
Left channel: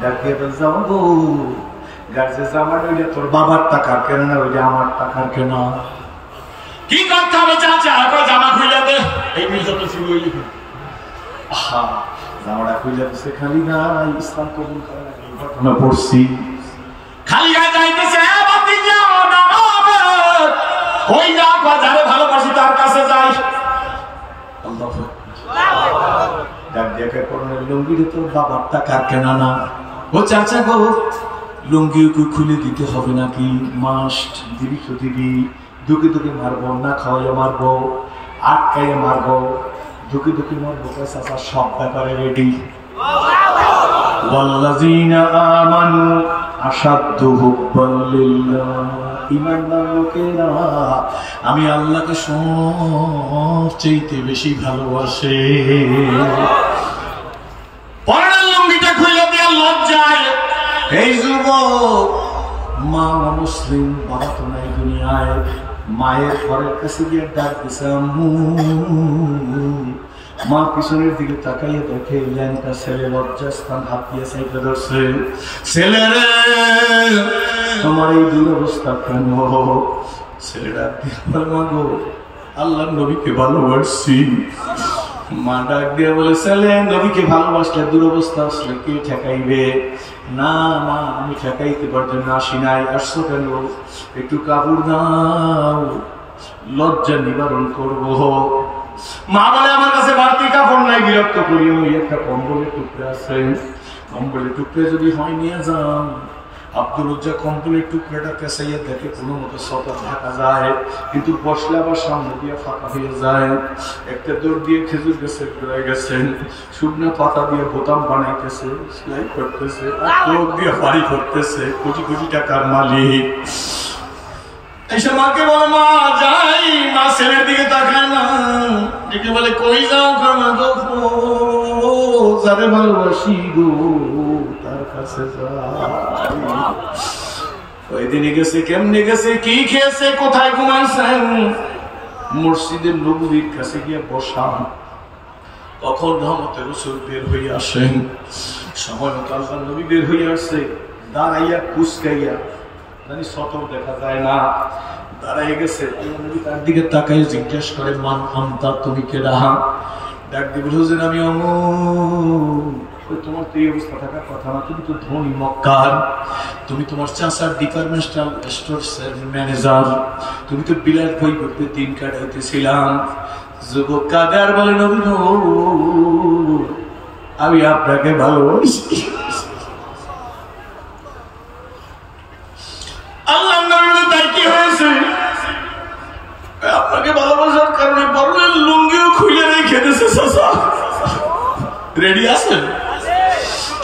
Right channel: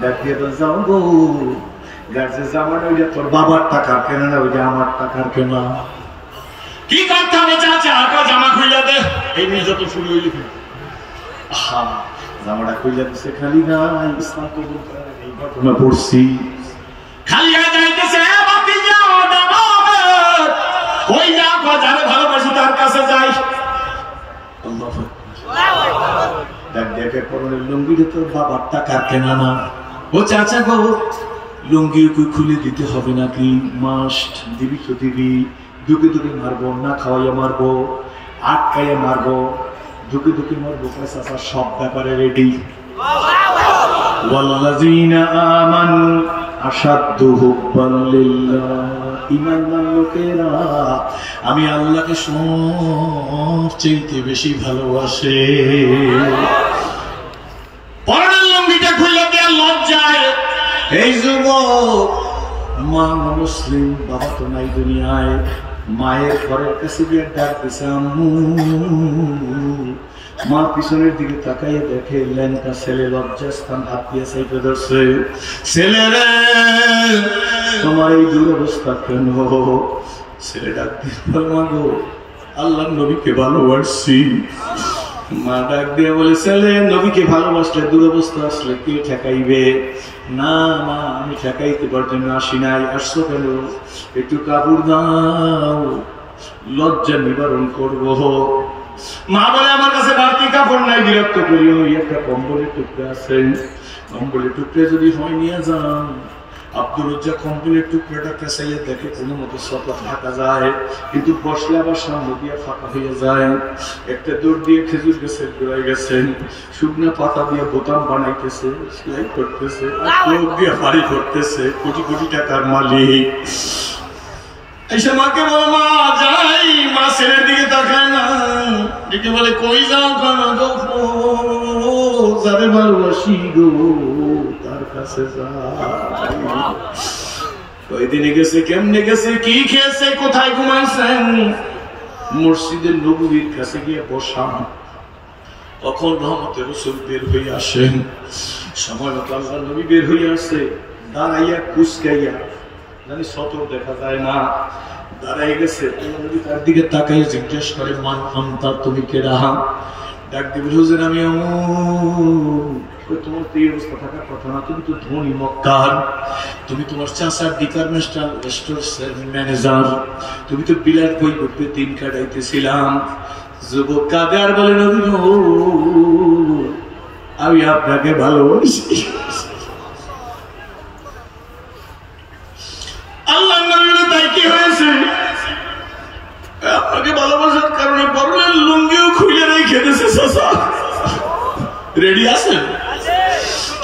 ডাক দিয়ে যাও গো, যার যে জামাটা ওইটা তোর বাবার টাকার কেনা না, ওইটা আমার টাকার কেনা। কি করতে হবে চাচা? জামা খুলে দে। এই নিয়ে যত শুরু হইলি জামাটা খুলে দিছে। খালি না ইসলাম কবুল করে না, এই ঘটনা পড়ছি। খালি যাইতেছে কই যা, যারে ভালোবাসি তার কাছে যাই। দেখে পরনের লুঙ্গিটা তোর বাবার টাকার কেনা না। ও চাচা গো, লুঙ্গি খুলে দিতে হবে নাকি? মাস্ট দিবি তো দিবি। দুকে দুকে মারবো না, খাওয়াইয়া মারবো, আটকাইয়া মারবো, দুকে দুকে মারবো। চাচা সব ব্যাপারে রেডি। ওয়াল্লাযীনা আমানু আশাদ্দু হুব্বান লিল্লাহ। ঈমানদার লোকেরা আমি আল্লাহকে সবচেয়ে বেশি ভালোবাসে। পরনের লুঙ্গিটা খুলে দেয়া লজ্জায় এই যুবক, মা মুসলিম, বাবা তো নাই দুনিয়ায়, মায়ের ঘরের কাছে গিয়ে ডাক দিছে আম্মু। মা পিছনের দিকে তাকাইয়ে দেখে ল্যাংটা ছেলে লজ্জাস্থান হাত দিয়ে সাইকে ধরছে। ছেলেরে তোমার এই দুরবস্থা কেন? ছেলে ডাক দিয়ে গো, আল্লাহ নবীকে ভালোবাসছি। মা ডাক দিয়ে বলে, ছেলে নবীকে ভালোবাসলে দুরবস্থা আসলে কে ঠেকাইবে? না মা, আমি ঠেকাইতে পারার জন্য আসি নাই। আসছো কেন? একটু কাপড় দাও, লজ্জা নিবারণ করবো। মা বলে, আমার কাছে বাড়তি কাপড় নাই, বিরক্ত করি। ওই একটা কম্বলের টুকরা আছে, কম্বলের টুকরা যদি হয় নিয়ে যাও। আব্দুল রজ্জা কম্বলের টুকরাটা কেসাইয়া দেখে কোনো মতো সতা ঢাকা যায়, কিন্তু বসলে আবার সামনে দিয়ে ফাঁকা হয়ে যায়। একটা দৌড় দিয়ে খেজুর গাছের গোড়ায় গেছেন, শুকনা পাতা দিয়ে বোতাম বানাইতেছে, সেলাই করতেছে, চোখ দিয়ে বাড়ি করতেছে। কোটি কোটি টাকার মালিক। এসে মাকে বলে, মা যাই। মা ছেলের দিকে তাকায় না, দিকে বলে, কই যাও কেন গো? যারে ভালোবাসি গো তার কাছে যাই। কয়দিনে গেছে, কেমনে গেছে, কি খেয়েছে, কোথায় ঘুমাইছেন? মসজিদের নববীর কাছে গিয়ে বসা। তখন রহমতে রাসূল বের হয়ে আসেন। সময় মতো আল্লাহর নবী বের হয়ে আসে, দাঁড়াইয়া কুচকাইয়া, জানি সতর দেখা যায় না, দাঁড়াই গেছে। আল্লাহর নবী তার দিকে তাকাইয়া জিজ্ঞেস করে, মান আনতা, তুমি কে? রাহা ডাক দিয়ে বলছেন, আমি তোমার তো এই অবস্থা থাকার কথা না, তুমি তো ধনী মক্কার, তুমি তোমার চাচার ডিপার্টমেন্টাল স্টোর ম্যানেজার, তুমি তো বিলাত বই করতে দিন কাটাইতেছিলাম। যুবক কাঁদে আর বলে, নবী আমি আপনাকে ভালোবাসি। আল্লাহ নবী তার কি হয়েছে? আপনাকে ভালোবাসার কারণে বড়লের লুঙ্গিও খুলে রেখে দিয়েছে। চাচা রেডি আছেন?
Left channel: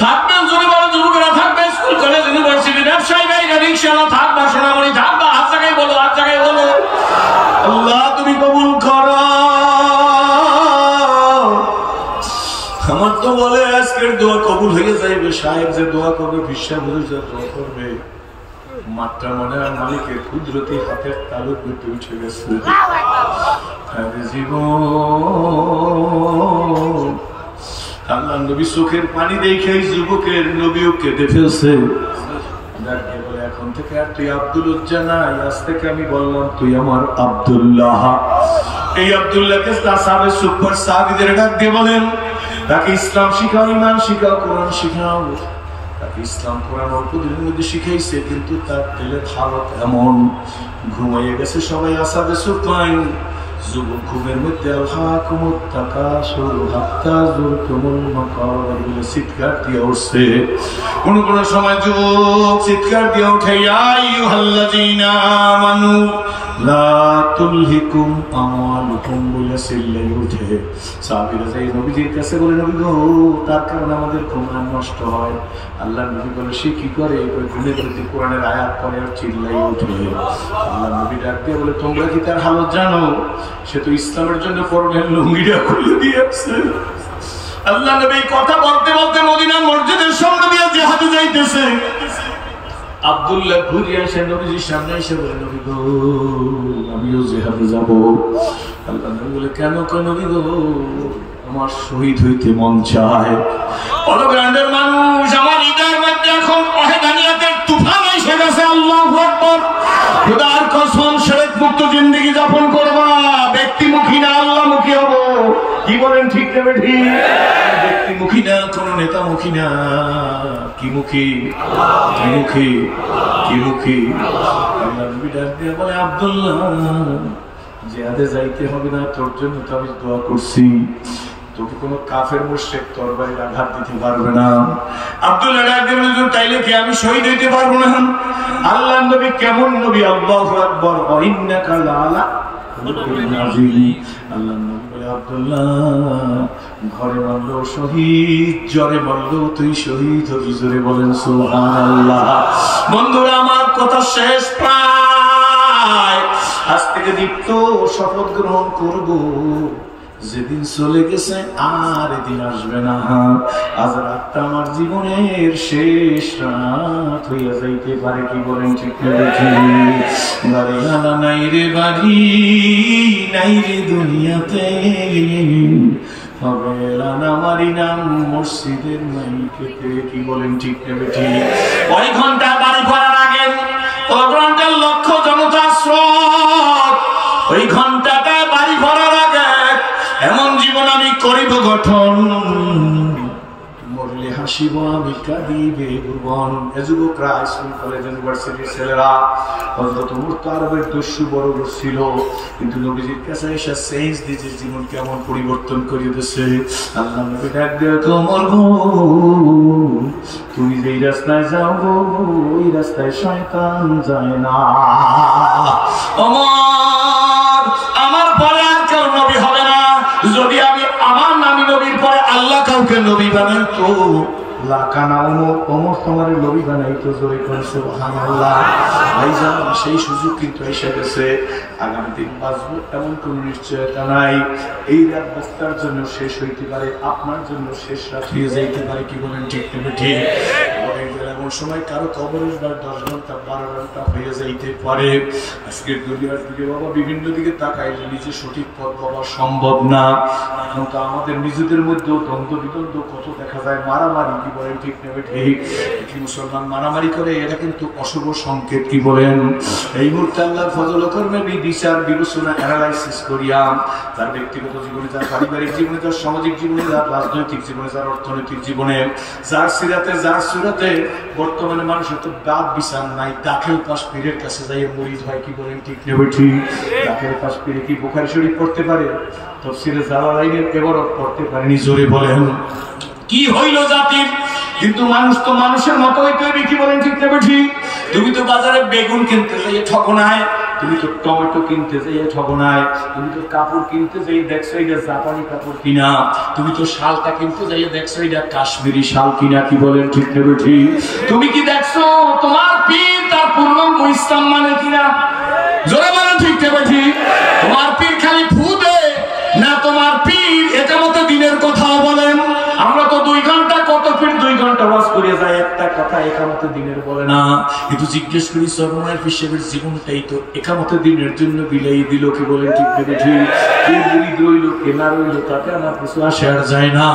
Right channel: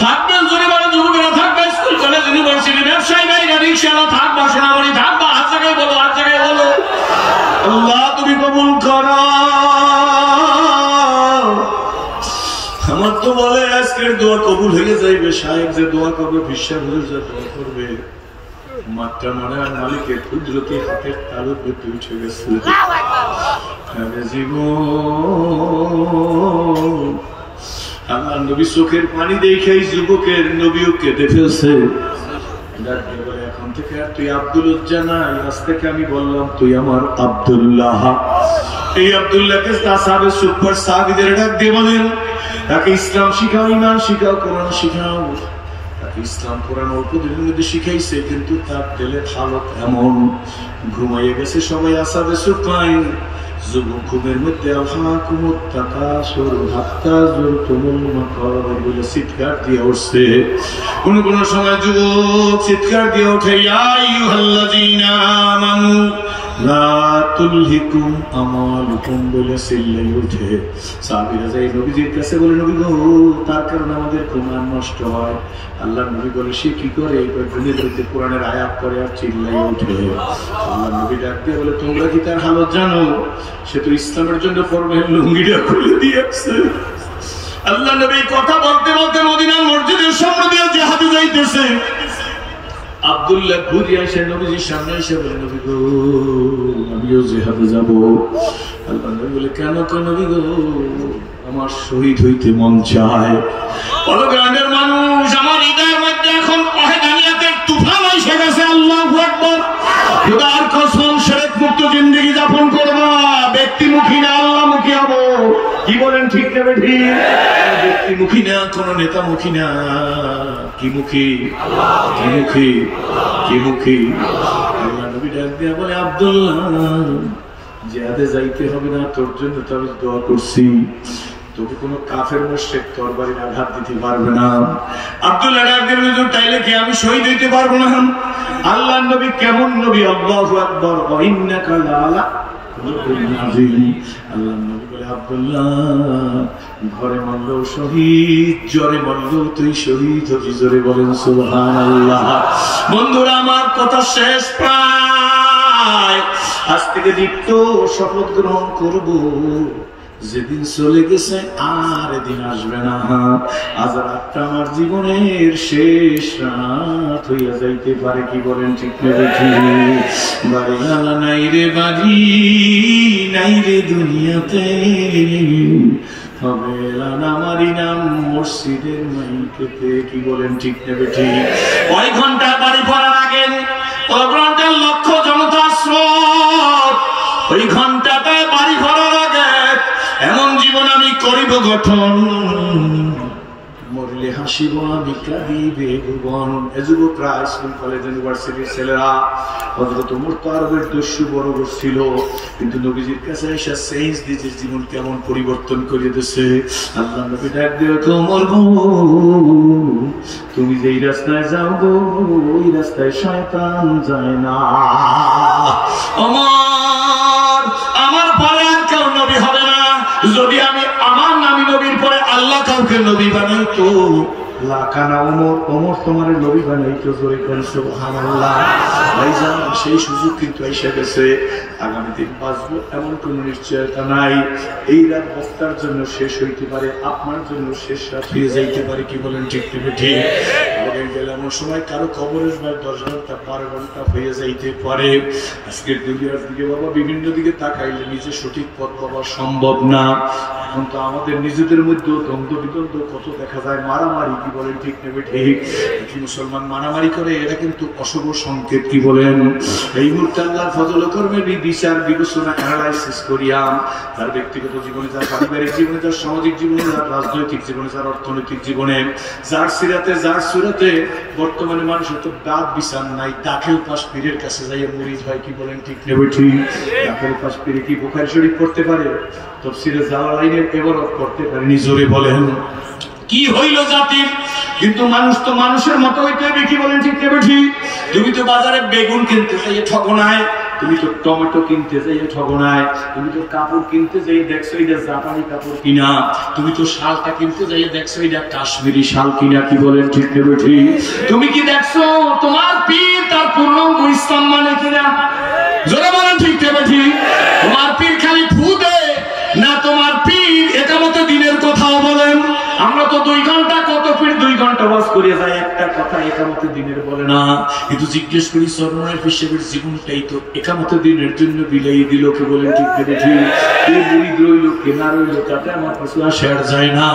থাকবেন জোরে বড় যুবকেরা, থাকবে স্কুল কলেজ ইউনিভার্সিটি, ব্যবসায়ী বাইরে রিক্সাওয়ালা, থাকবা সোনামণি, থাকবা হাত জায়গায় বলো, হাত জায়গায় বলো। আল্লাহ তুমি কবুল করো। আজকের দোয়া কবুল হয়ে যাইবে, সাহেব যে দোয়া করবে, বিশ্বা হুজুর যে দোয়া করবে, মাত্রা মনে হয় মালিকের কুদরতি হাতের তালুর পেটে উঠে গেছে। জীবন আল্লাহ নবী চোখের পানি দেখে যুবকের নবীও কেঁদে ফেলছে। বলে এখন থেকে আর তুই আব্দুল উজ্জা নাই, আজ থেকে আমি বললাম তুই আমার আব্দুল্লাহ। এই আব্দুল্লাহকে সাহাবে সুপার সাহাবীদের ডাক দিয়ে বলেন, তাকে ইসলাম শিখাও, ইমান শিখাও, কোরআন শিখাও। তাকে ইসলাম কোরআন অল্প দিনের মধ্যে শিখাইছে, কিন্তু তার দিলের হালত এমন, ঘুমাইয়ে গেছে সবাই আসাবে সুপাই। যুবক ঘুমের মধ্যে চিৎকার দিয়ে উঠছে। কোন কোন সময় যুবক চিৎকার দিয়ে ওঠে, বলে চিল্লাই উঠে। সাহাবীরা যাই নবীজির কাছে বলে, নবী গো, তার কারণে আমাদের ঘুম নষ্ট হয়। আল্লাহ নবী বলে, সে কি করে? ঘুমের মধ্যে কোরআনের আয়াত পড়ে আর চিল্লাই উঠে। আল্লাহ নবী ডাক দিয়ে বলে, তোমরা কি তার হালত জানো? সে তো ইসলামের জন্য পরনের লুঙ্গিটা খুলে দিয়েছে। আল্লাহ নবী কথা বলতে বলতে মদিনা মসজিদের সামনে দিয়ে জিহাদে যাইতেছে। আব্দুল্লাহ ঘুরে আসে নবীজির সামনে এসে বলে, নবী গো, আমিও জিহাদে যাব। আল্লাহ নবী বলে, কেন নবী গো? আমার শহীদ হইতে মন চায়। অলগ্রান্ডের মানুষ, আমার হৃদয়ের মধ্যে এখন ওয়াহদানিয়াতের তুফান এসে গেছে। আল্লাহু আকবার। খোদার কসম, শিরক মুক্ত জিন্দেগি যাপন করবা, ব্যক্তিমুখী না আল্লাহমুখী হব। কি বলেন, ঠিক না বেঠি? ব্যক্তিমুখী না, কোন নেতামুখী না। কি মুখী? কি মুখী? কি মুখী? আল্লাহ নবী ডাক দিয়ে বলে, আব্দুল্লাহ, জিহাদে যাইতে হবে না, তোর জন্য তো আমি দোয়া করছি। তোকে কোনো কাফের মুশরিক তরবারির আঘাত দিতে পারবে না। আব্দুল্লাহ ডাক দিয়ে বলে, তাইলে কি আমি শহীদ হইতে পারবো না? আল্লাহ নবী কেমন নবী! আল্লাহু আকবার। ইন্নাকা লাআলা খুলুকিন আযীম। আল্লাহ নবী বলে, আব্দুল্লাহ, ঘরে মারলো শহীদ, জ্বরে মারলো তুই শহীদ হবি। জোরে বলেন সুবহানাল্লাহ। বন্ধুরা, আমার কথা শেষ প্রায়। আজ থেকে দীপ্ত শপথ গ্রহণ করব, যেদিন চলে গেছে আর এদিন আসবে না। আজ রাতটা আমার জীবনের শেষ রাত হইয়া যাইতে পারে। কি বলেন, ঠিক না? বাড়ি আলা নাই রে, বাড়ি নাই রে দুনিয়াতে, হবে আমারই নাম মসজিদের মাইকেতে। কি বলেন, ঠিক না? ঠিক। ওই ঘন্টা বাড়ি করার আগে ঘন্টার লক্ষ জনতা স্রোত, ওই ঘন্টাটায় বাড়ি ভরার আগে এমন জীবন আমি করিব গঠন, মরলে হাসিব আমি কাঁদিবে ভুবন। এ যুবকরা, স্কুল কলেজ ইউনিভার্সিটির ছেলেরা হযরত ওমর তো আরবের দস্যু বড় ছিল, কিন্তু নবীজির কাছে এসে চেঞ্জ দিয়েছে, জীবন কেমন পরিবর্তন করে দিয়েছে। আল্লাহ নবী ডাক দিয়ে, ওমর গো, তুমি যেই রাস্তায় যাও গো, ওই রাস্তায় শয়তান যায় না। ওমর, আমার পরে আর কেউ নবী হবে না। যদি আমি আমার নামী নবীর পরে আল্লাহ কাউকে নবী বানাইতো, লাখানা ওমর, ওমর তোমার নবী বানাইতো। জোরে করে সুবহানাল্লাহ। ভাইজান, সেই সুযোগ কিন্তু এসে গেছে। আগামী দিন বাঁচবো এমন কোন নিশ্চয়তা নাই। এই রাত বক্তার জন্য শেষ হইতে পারে, আপনার জন্য শেষ রাত হয়ে যাইতে পারে। কি বলেন, ঠিক না? ঠিক। এমন সময় কারো কবরের 10 ঘন্টা 12 ঘন্টা হয়ে যাইতে পারে। আজকের দুনিয়ার দিকে বাবা বিভিন্ন দিকে তাকাইলে নিজে সঠিক পথ পাওয়া সম্ভব না। এখন তো আমাদের নিজেদের মধ্যেও দ্বন্দ্ব বিদ্বন্দ্ব কত দেখা যায়, মারামারি। কি বলেন, ঠিক না? ঠিক। কি মুসলমান মারামারি করে, এটা কিন্তু অশুভ সংকেত। কি বলেন? এই মুহূর্তে আল্লাহর ফজল কর্মে বিচার বিবেচনা অ্যানালাইসিস করিয়া তার ব্যক্তিগত জীবনে, তার পারিবারিক জীবনে, তার সামাজিক জীবনে, তার রাজনৈতিক জীবনে, তার অর্থনৈতিক জীবনে, যার সিরাতে যার সুরাতে বর্তমানে মানুষের তো দাঁত বিচার নাই। দাখিল পাশ পীরের কাছে যাইয়া মরিদ হয়। কি বলেন, ঠিক না? ঠিক। দাখিল পাশ পীরে কি বুখারী শরীফ পড়তে পারে? তাফসীরে জালালাইনের ইবারত পড়তে পারেনি। জোরে বলেন, কি হইল জাতির? কিন্তু মানুষ তো মানুষের মতোই তৈরি। কি বলেন, ঠিক না? ঠিক। তুমি তো বাজারে বেগুন কিনতে যাইয়ে ঠগনায়, তুমি তো টমেটো কিনতে যাইয়ে ঠগনায়, তুমি তো কাপড় কিনতে যাই দেখছো এটা জাপানি কাপড় কিনা, তুমি তো শালটা কিনতে যাইয়ে দেখছো এটা কাশ্মীরি শাল কিনা। কি বলেন, ঠিক না? ঠিক। তুমি কি দেখছো তোমার পীর তার পূর্ণাঙ্গ ইসলাম মানে কিনা? জোরে বলেন, ঠিক না? ঠিক। তোমার পীর খালি ফু দেয় না, তোমার পীর এটা মতো দিনের কথাও বলেন। আমরা তো 2 ঘন্টা নামাজ করে যায়, একটা কথা একামতে দিনের বলে না। কিন্তু জিজ্ঞেস করি চরমনায় হিসেবের জীবনটাই তো একামতে দিনের জন্য বিলাই দিল, কি বলেন ঠিক ঠিক? কে মুরিদ রইল কে না রইল তাতে আমার কিছু আসে আর যায় না।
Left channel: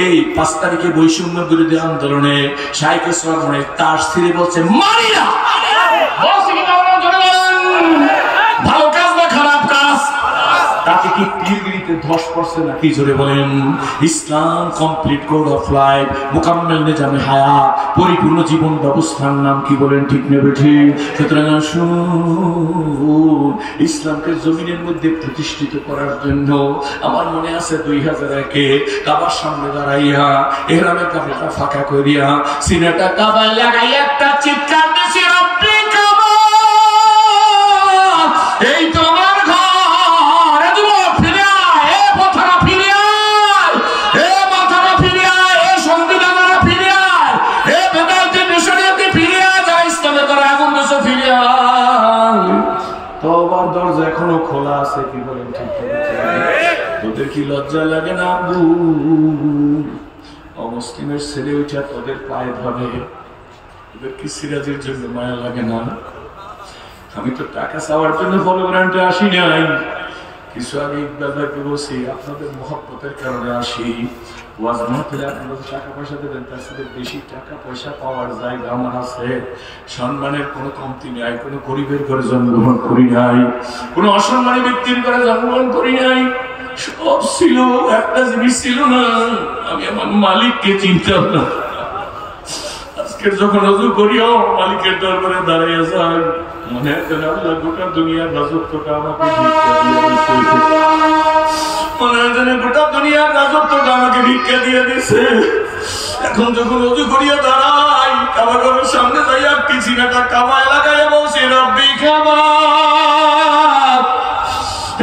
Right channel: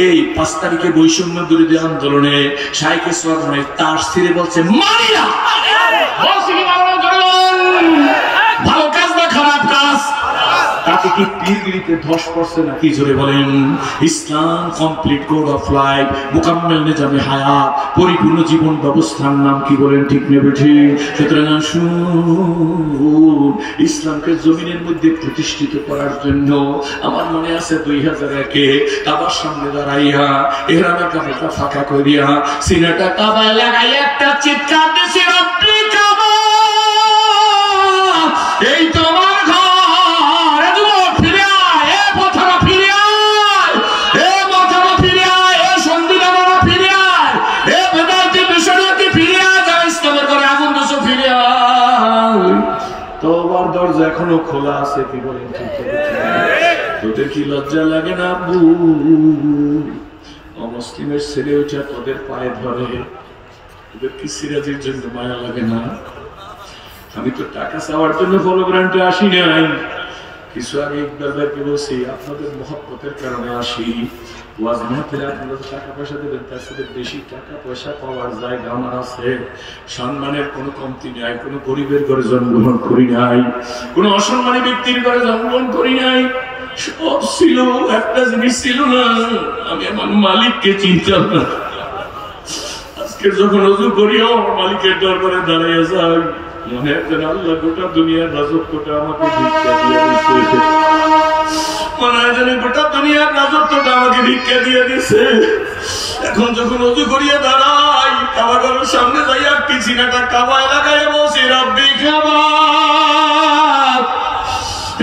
এই 5 তারিখে বৈষম্য বিরোধী আন্দোলনে শাইখে চরমনায় তার স্থিরে বলছে মারিয়া ভালো কাজ না খারাপ কাজ, তাকে কি পীরগিরিতে ধস পড়ছে নাকি? জোরে বলেন। ইসলাম complete code of life, Mukammel নিজামে হায়াত, পরিপূর্ণ জীবন ব্যবস্থার নাম কি বলেন ঠিক নেবে ঠিক? সুতরাং ইসলামকে জমিনের মধ্যে প্রতিষ্ঠিত করার জন্য আমার মনে আছে 2001-এ কাবার সামনে দাঁড়াইয়া এহরামের কাপড়টা ফাঁকা করিয়া সিনাটা কাবায় লাগাইয়া একটা চিৎকার দিয়েছে, রব্বি কাবা, এই তোমার ঘর, যুবক ফিরে আয়, এ পথরা ফিরে আয়, এ মাথারা ফিরে আয়, এ সংবিধানেরা ফিরে আয়, এ বেদান্তে মিশনারিতে ফিরে আয়, যা ইসলামের করে আগুন দেশে ফিরে আয়। তওবার দরজা এখনো খোলা আছে, কি বলেন ঠিক? তোদের কি লজ্জা লাগে না আব্বু? অমুসলিমের ছেলে উঠা তোদের পায়ে ধরে, তোদের কি সিরাজের জন্য মায়া লাগে না? আমি তো টাকা চাওয়ার জন্য হলোগ্রামে আসি নাই, কিছু আগে ইকবালকে বলছি আপনাদের মহব্বতের কারণে আসি। ওয়াজ মাহফিলে আপনারা টাকা পয়সা দেবেন, তার সাথে বেশি টাকা পয়সা পাওয়ার জায়গা আমার আছে। সম্মানের কোনো কমতি নাই, কোনো গরিবের ঘরে জন্মগ্রহণ করি নাই, কোনো অসম্মানী ব্যক্তির ঘরে জন্মগ্রহণ করি নাই। সব ছিল, একটা জিনিস ছিল না, আমি আমার মালিককে চিনতাম না। আজকে যখন অজু করিও মালিকের দরবারে দাঁড়িয়ে যাই, মনে হয় যেন আল্লাহ গোটা দুনিয়ার রাজত্বটা আমাকে ভিক্ষা দিয়ে দিচ্ছে। মনে হয় যেন গোটা দুনিয়ার রাজত্বটা আমাকে ভিক্ষা দিয়ে দিচ্ছে। এখন যখন অজু করিয়া দাঁড়াই, কাবা ঘরের সামনে যাই, আর কি সিনাটা কাবায় লাগাই বসে, রব্বি কাবা,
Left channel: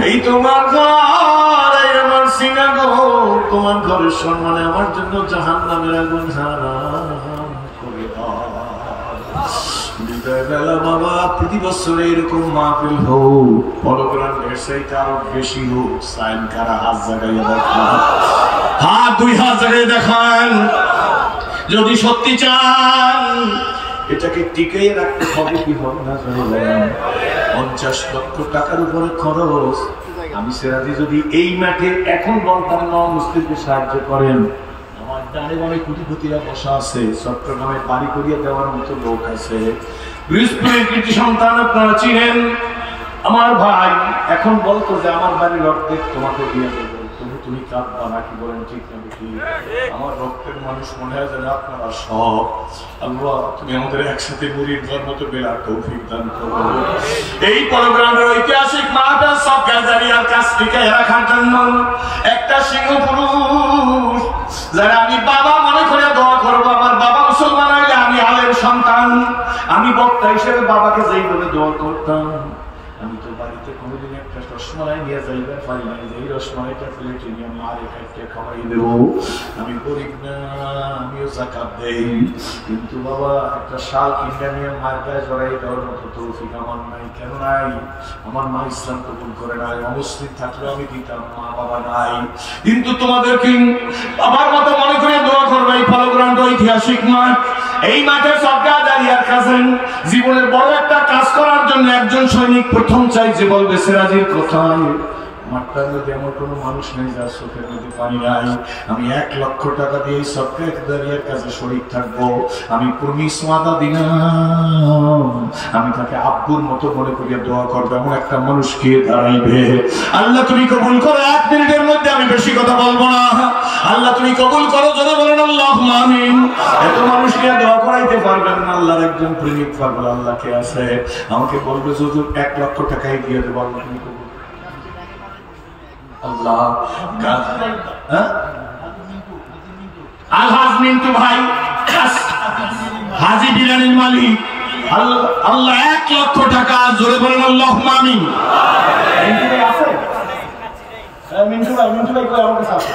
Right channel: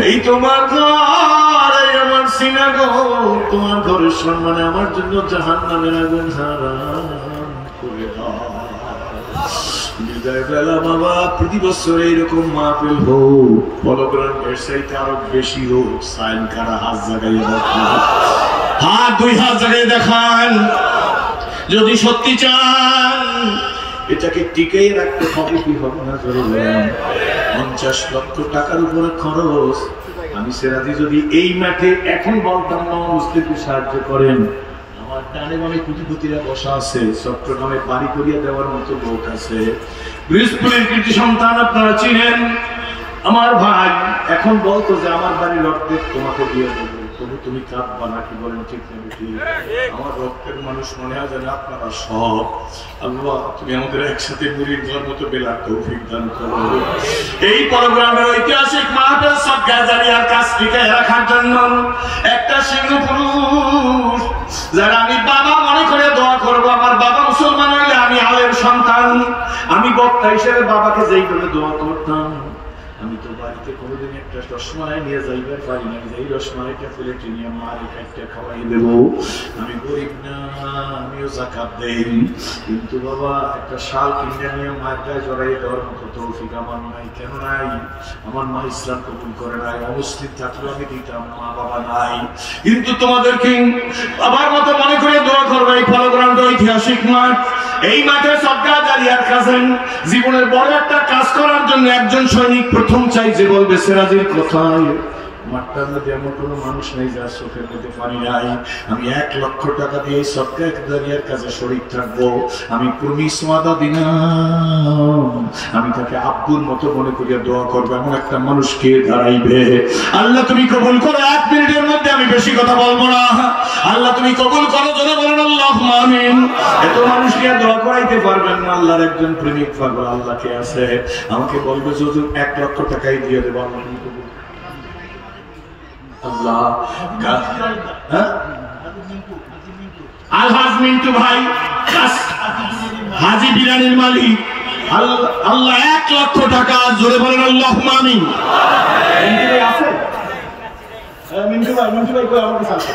এই তোমার ঘর, এই আমার সিনা ঘর, তোমার ঘরের সম্মানে আমার জন্য জাহান্নামের আগুন হারাম করে দাও। বাবা প্রতি বছর এইরকম মাহফিল হোক, হলোগ্রাম ব্যবসায়ীটা আরো বেশি হোক। সাইন কারা হাত জাগাইয়া দেখান, হাত 2 হাত জাগাইয়া দেখান যদি সত্যি চান। এটাকে টিকে রাখতে হবে, কি হবে না? 50 লক্ষ টাকার উপরে খরচ। আমি সেরাজি যদি এই মাঠে এখন বলতাম না মুসলিমকে সাহায্য করেন, আমার ডানে বামে কোটিপতিরা বসা আছে, চট্টগ্রামে বাড়ি করিয়া দেওয়ার মতো লোক আছে। বৃহস্পতির কৃতি সন্তান আপনারা চিনেন, আমার ভাই এখন বলতো যে আমার বাড়ির অর্ধেক তোমাকে দিয়ে দেবো, তুমি কাঁদবা না, কি বলেন ঠিক না? আমার রক্তের মানুষ মনে হয় যেন আপনারা সব। আল্লাহ তুমি আমাদের একসাথে মুরিদ হওয়ার মতো বেলার তৌফিক দান করো। এই প্রোগ্রামের ঐতিহাসিক মাহফিল সদকায়ে জারিয়ার কাজ টিকে রাখার জন্য একটা সিংহ পুরুষ যারা আমি বাবা মনে করে দোয়া করবো। আমার বাবা মুসলমান হইলে আমি আলের সন্তান, আমি বক্তা হিসেবে বাবাকে যেই বলে দোয়া করতাম। আমি তো বাড়িতে কোনোদিন একটা রসমালাই নিয়ে যাইবার পারি না, এই রসমালাইটা প্লেটে নিয়ে মারে একটা খাওয়াই দেবো। আমি গরিব না, আমিও যাকাত দেই, কিন্তু বাবা একটা শাল কিনে নিয়ে মায়ের গায়ে জড়াই দেওয়ার মতো তৌফিক আমার নাই। কেন নাই? আমার মা ইসলাম কবুল করে নাই। অমুসলিম থাকলে আমি দিতাম, মা বাবা নাই। কিন্তু তোমাদেরকে বাবার মতো মনে করে দোয়া করবে। এই ফলগ্রামটা ঐতিহাসিক মাঠ, এই মাঠে সদকায়ে জারিয়ার কাছে জীবনের বড় একটা কাজ করার জন্য একজন সৈনিক প্রথম চাই যে বলবে সিরাজের কথায়। মাঠটার মধ্যে এমন কোনো মানুষ নেই যার চোখের মধ্যে পানি নাই। আমি 1 লক্ষ টাকা দিয়ে সদকায়ে জারিয়ার কাছে শরীক থাকবো। আমি প্রমিস ওয়াদা দিলাম, আমি তাকে আব্বুর মতো মনে করিয়া দোয়া করবো। এমন একটা মানুষকে দাঁড়াইবে। আল্লাহ তুমি কবুল করো। 1 মিনিটের মধ্যে আমি বেশি কথা বলবো না। আল্লাহ তুমি কবুল করো, যদি বলেন আল্লাহুম্মা আমিন। এত মানুষকে দোয়া করাইতে পারবেন না। আল্লাহর একজন প্রেমিক পাগল আল্লাহকে আছে, আমাকে বলবে হুজুর 1 লক্ষ টাকাই দিয়ে দেবো। আল্লাহ তুমি কবুল আল্লাহ। আলহাজ মিন্টু ভাই, হাজি বিরানির মালিক, আল্লাহ 1 লক্ষ টাকা, জোরে বলেন আল্লাহুম্মা আমিন। মিন্টু ভাই কই আমার কাছে আছে।